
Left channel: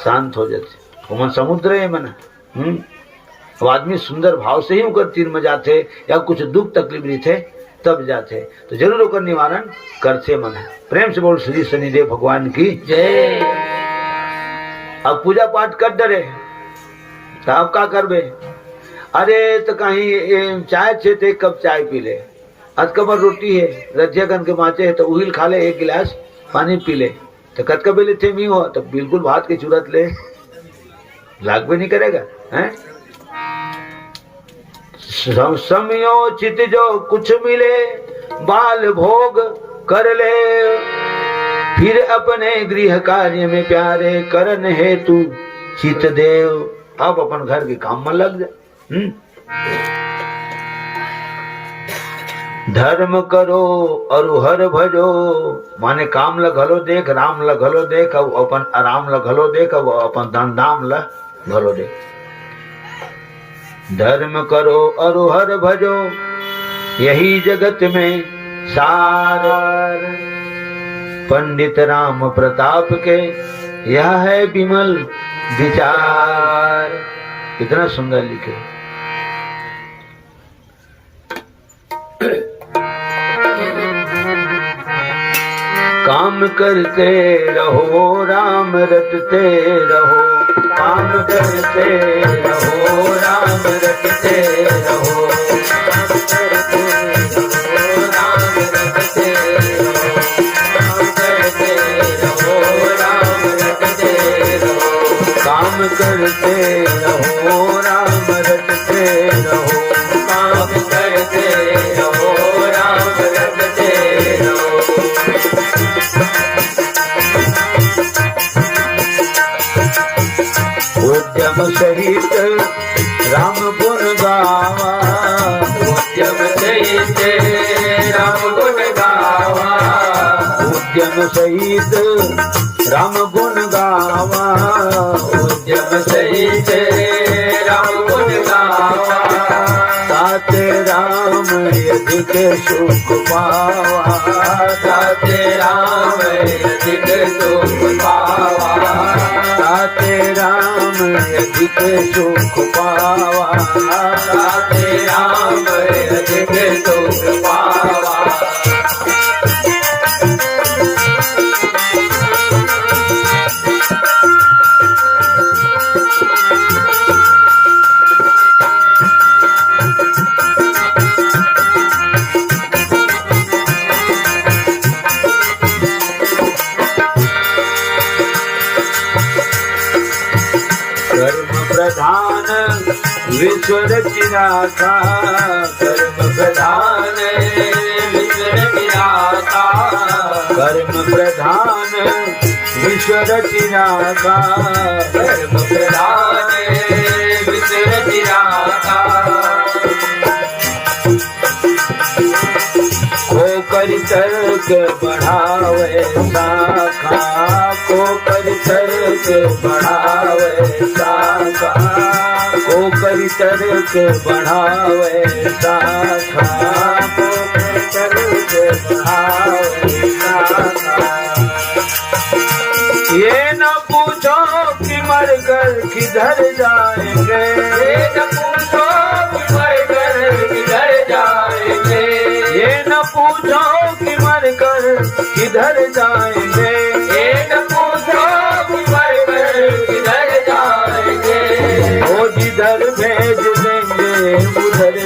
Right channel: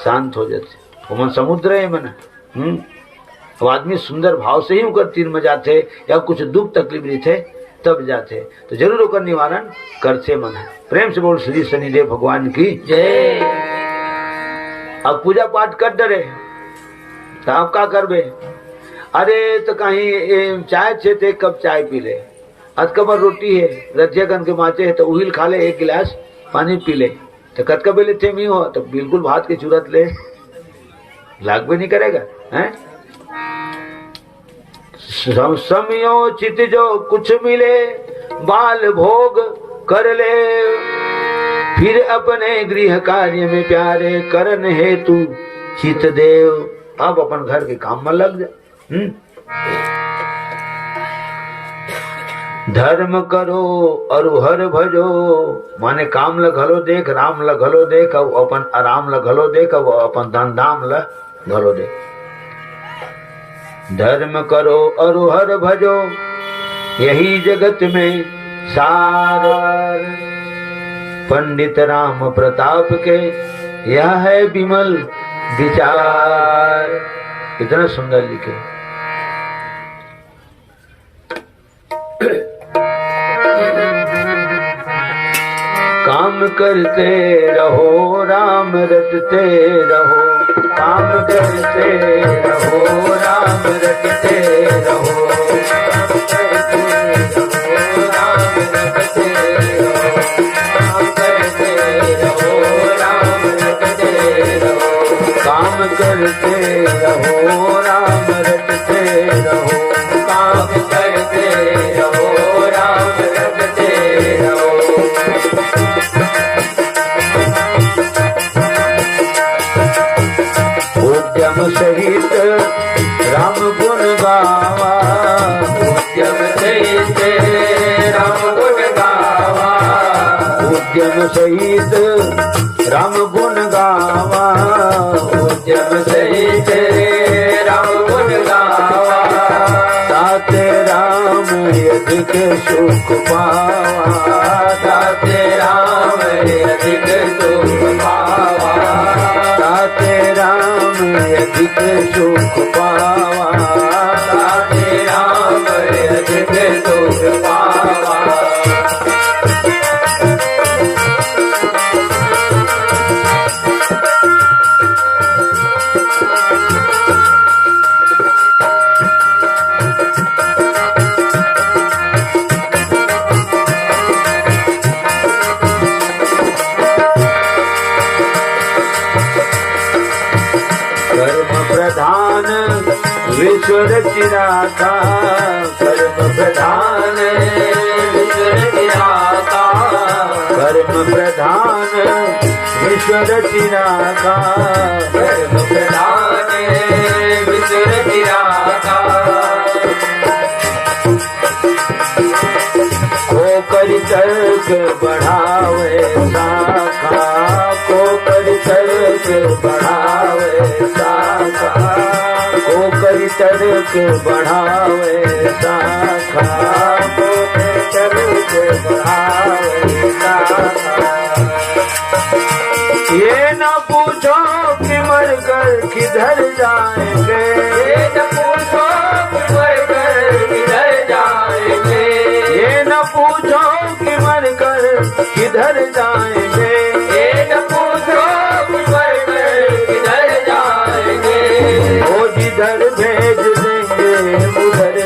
शांत हो जाते। उमन समुद्र है मन। अब आदमी सुंदर भाव से ही उनकर तीर में जाते या कुछ दुख तकलीफ नहीं थे तब जाते तो जरूर होकर निवारण करते मन। प्रेम से बोल श्री शनिदेव भगवान की जय। अब पूजा पाठ कर डरे तो आप क्या करबे। अरे तो कहीं चाय छे थे, कप चाय पी ले, अधकबर रोटी है, रजिया कन के माचे है तो उहिल खा ले, एक गिलास पानी पी ले, तो कतकबेले थे मी हो तो बिल्कुल भात की जरूरत ले, लाग भी नहीं करेगा हैं। समयोचित जो कुछ मिले बाल भोग कर ले, फिर अपने गृह कार्य में प्यारे करन हेतु चित देव। अब अपन घर के काम में लग जा। धर्म करो और हर भजो, माने काम लगलो देख, राम लगलो देख, अपन आराम लगलो देख, अपन धन धाम लगलो देख। धर्म करो और हर भजो, यही जगत में सार। पंडित राम प्रताप के यह है विमल विचार। इतना सुंदर लिखे। काम करते रहो राम रटते रहो, काम करते रहो राम रटते रहो, राम रटते रहो, काम करते रहो राम रटते रहो, काम करते रहो राम रटते रहो, काम करते रहो राम रटते रहो। उद्यम सहित राम गुण गावा, उद्यम सहित राम गुण गावा, उद्यम सहित राम गुण गावा, उद्यम सहित राम गुण गावा, ताते राम अधिक सुख पावा, ताते राम अधिक सुख पावा, ताते राम अधिक सुख पावा, ताते राम अधिक सुख पावा। विश्व रचिनाथा, कर्म प्रधान विश्व रचिनाथा, कर्म प्रधान विश्व रचिनाथा, कर्म प्रधान विश्व रचिनाथा। को करि तर्क बढ़ावे शाखा, को करि तर्क बढ़ावे शाखा, को करि तर्क बढ़ावे शाखा, को करि तर्क बढ़ावे शाखा। ये न पूछो कि मर कर किधर जाएंगे, ये न पूछो कि मर कर किधर जाएंगे, ये न पूछो कि मर कर किधर जाएंगे, ये न पूछो कि मर कर किधर जाएंगे। वो जिधर भेज देंगे उधर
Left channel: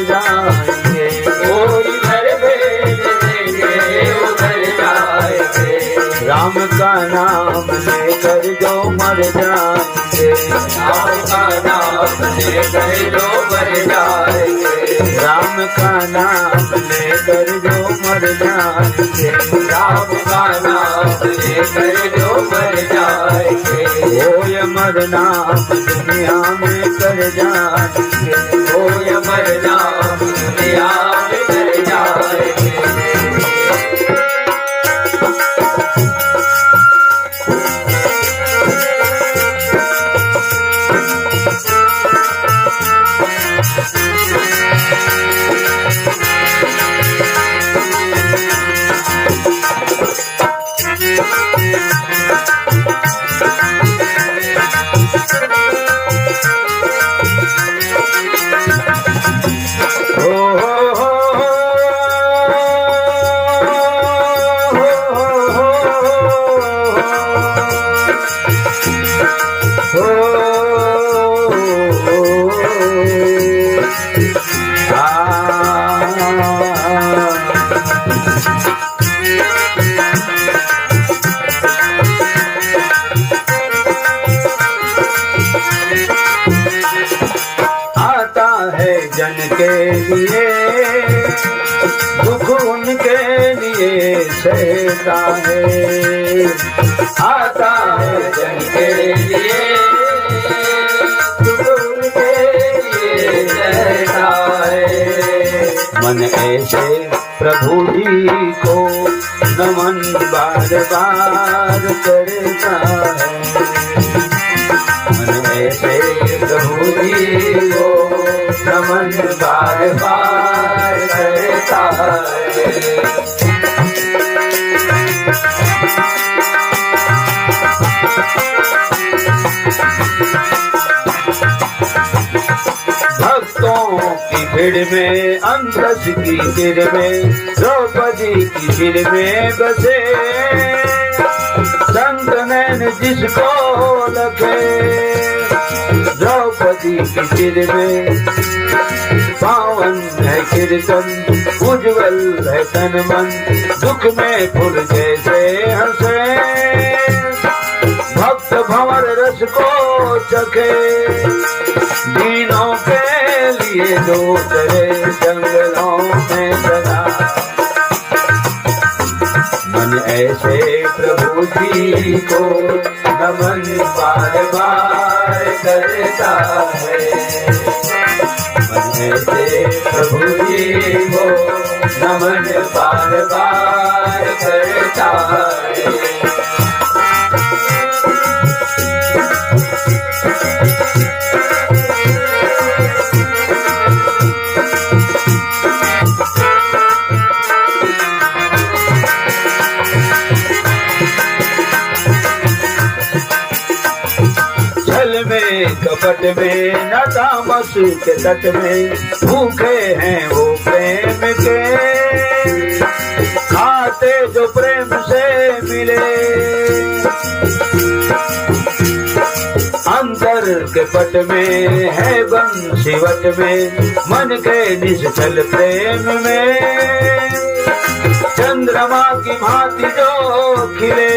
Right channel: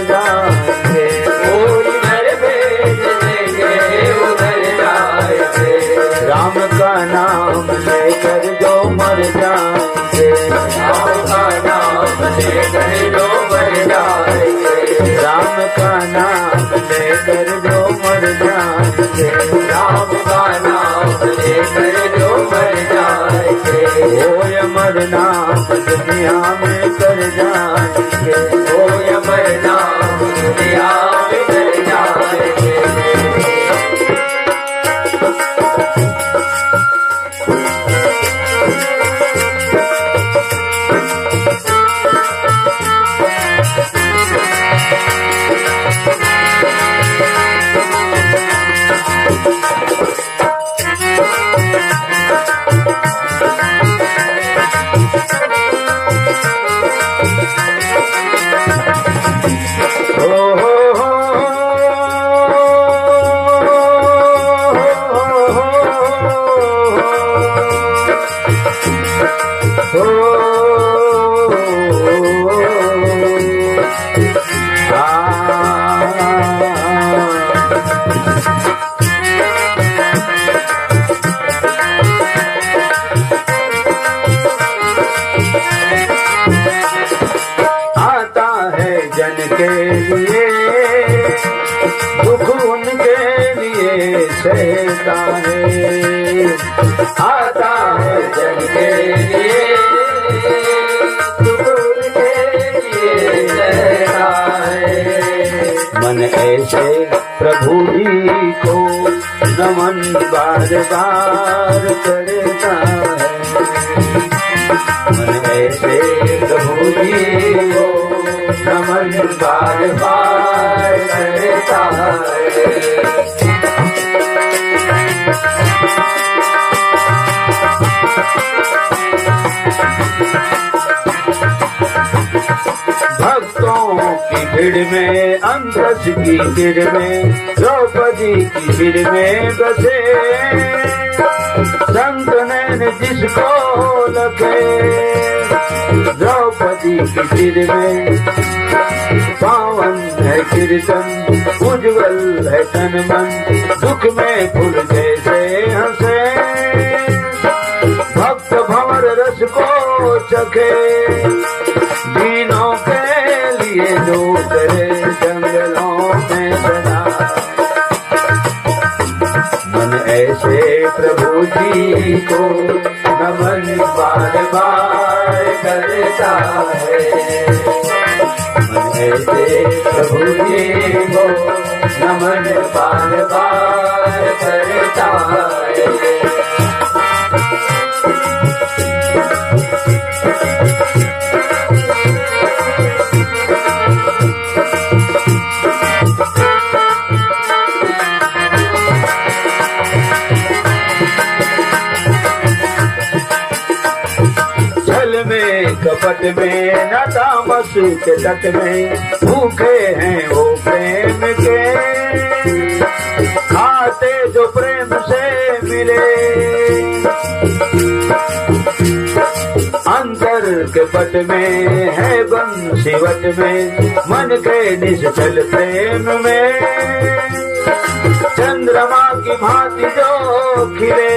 करता है, आता है जन के लिए, उनके लिए रहता है। मन ऐसे प्रभु जी को नमन बार बार करता है, मन ऐसे प्रभु जी को नमन बार बार करता है। भक्तों की भीड़ में, अंधस की भीड़ में, द्रौपदी की भीड़ में बसे, संत नैन जिसको लगे, द्रौपदी की भीड़ में पावन है कीर्तन, उज्जवल है तन मन, दुख में फूल जैसे हंसे, भक्त भंवर रस को चखे, दीनों के लिए दूसरे जंगलों में सदा। मन ऐसे प्रभु जी को नमन बार बार करता है, मन ऐसे प्रभु जी को नमन बार बार करता है। कपट में न तामस के तट में, भूखे हैं वो प्रेम के, खाते जो प्रेम से मिले, अंतर के पट में है बंसीवट में, मन के निश्चल प्रेम में, चंद्रमा की भांति जो खिले,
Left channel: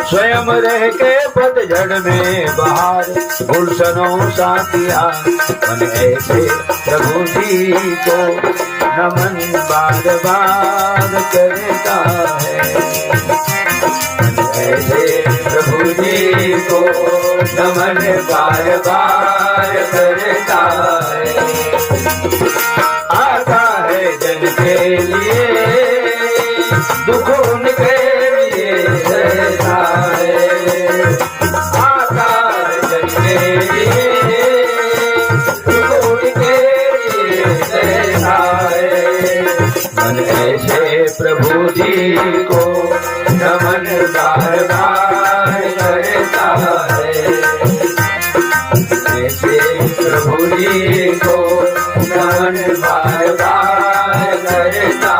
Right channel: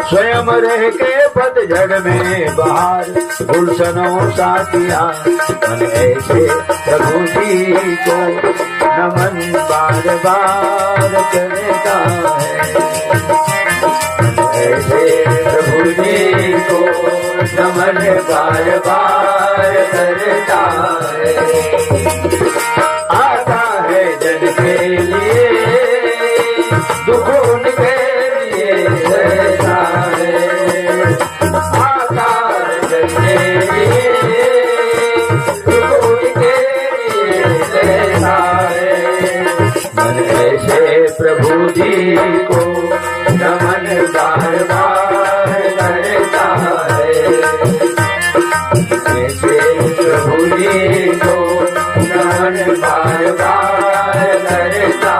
स्वयं रह के पतझड़ में बाहर, गुलशनों साथिया। मन ऐसे प्रभु जी को नमन बार बार करता है, मन ऐसे प्रभु जी को नमन बार बार करता है। आता है जन के लिए, दुख उनके लिए रहता है, आता है जन के लिए, दुख उनके लिए रहता है। मन ऐसे प्रभु जी को नमन बार बार करता है, ऐसे प्रभु जी को नमन बार बार करता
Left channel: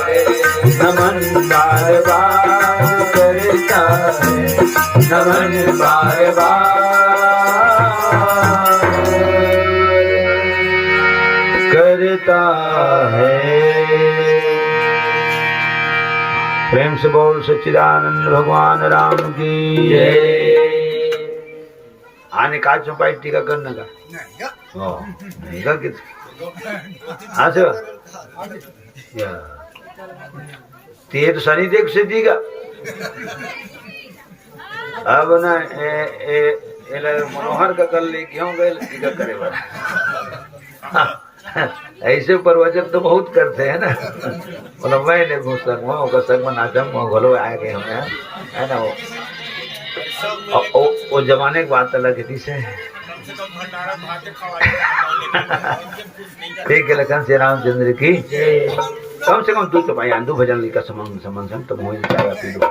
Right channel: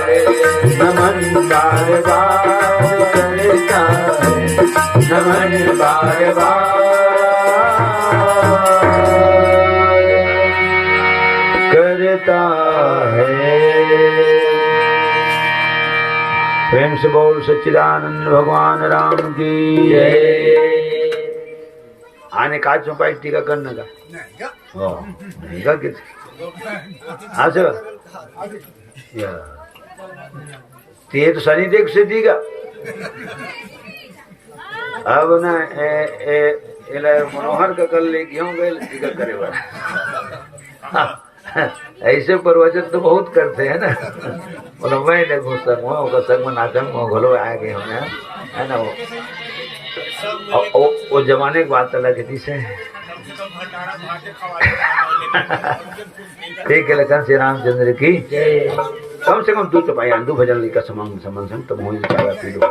है, नमन बार बार करता है, नमन बार बार करता है। प्रेम से बोल सच्चिदानंद भगवान राम की जय। आने काच में पाई टीका करने का नहीं का कित हाँ सर या ते तो सनी देख से दीगा अब ना एला मनोहर का कर ले क्यों गए टीका करे वाला ऐसे प्रवचन तो बहुत करते हैं ना। बोलो मैंने घुसर का संग में नाचन में घोलो आ गए है ना। वो जमाने की बात अलग थी से ठीक है। लखन श्री रामचंद्र की कम से कम तू तो भाई आंदू भजन लिखा समन तो मोहित जाएगा पीड़ो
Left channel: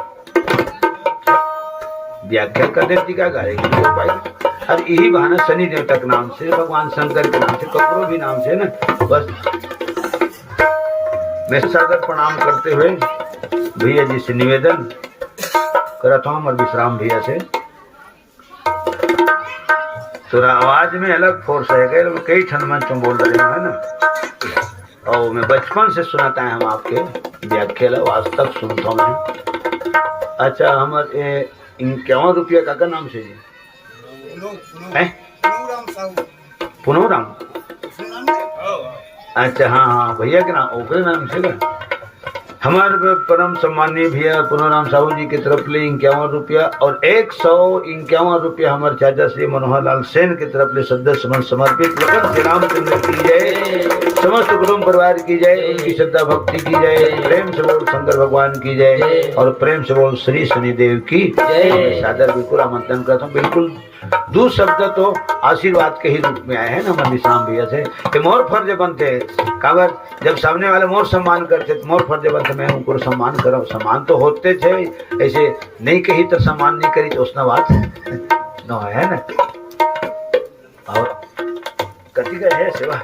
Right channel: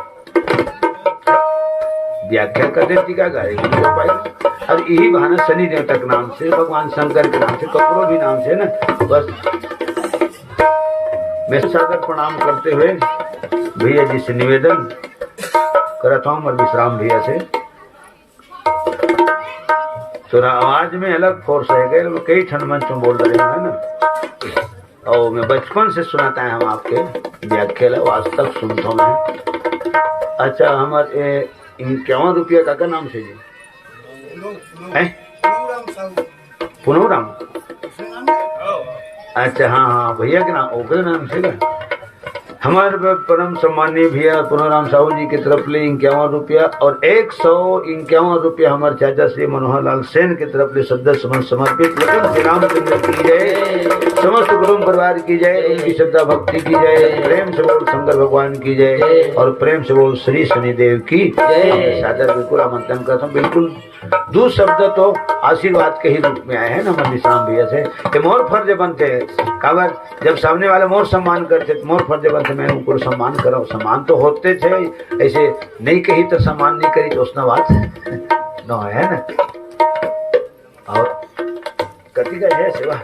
व्याख्या कर देती का गाएगी तो भाई। और यही बहाना शनि देवता के नाम से, भगवान शंकर के नाम से, कपूरों भी नाम से ना बस मैं सादर प्रणाम करते हुए भैया जी से निवेदन करता हूँ और विश्राम भैया से। थोड़ा आवाज में अलग फोर्स है गए, कई ठन मंच में बोल रहे हैं ना। और मैं बचपन से सुनाता है हम आपके व्याख्या आज तक सुनता हूँ। अच्छा हमारे 51 रुपया का नाम से जी पुनोराम। अच्छा हाँ हाँ भैया के नाम ओपे नाम से क्या हमारे परम सम्मानीय भैया पुनाराम साहू जी की तरफ ले 51 रुपया और 151 रुपया हमारे चाचा श्री मनोहर लाल सेन की तरफ ले श्रद्धा समन समर्पित। लगन श्री रामचंद्र की जय, समस्त गुरु परिवार की जय, उनकी श्रद्धा भक्ति की जय, प्रेम से बोल शंकर भगवान की जय और प्रेम से बोल श्री शनिदेव की जय। सादर बिल्कुल आमंत्रण करता हूँ। बिल्कुल दो शब्द तो आशीर्वाद के ही रूप में आए हैं ना मनी शाम भैया से कि मोर फर्ज बनते हैं। काबर जब सामने वाले मोर सम्मान करते तो मोर फर्ज बनते मैं उनको सम्मान करो। सम्मान तो होते थे, ऐसे नहीं कही तो सम्मान नहीं करी तो उसना बात न है ना। और कति का है सेवा।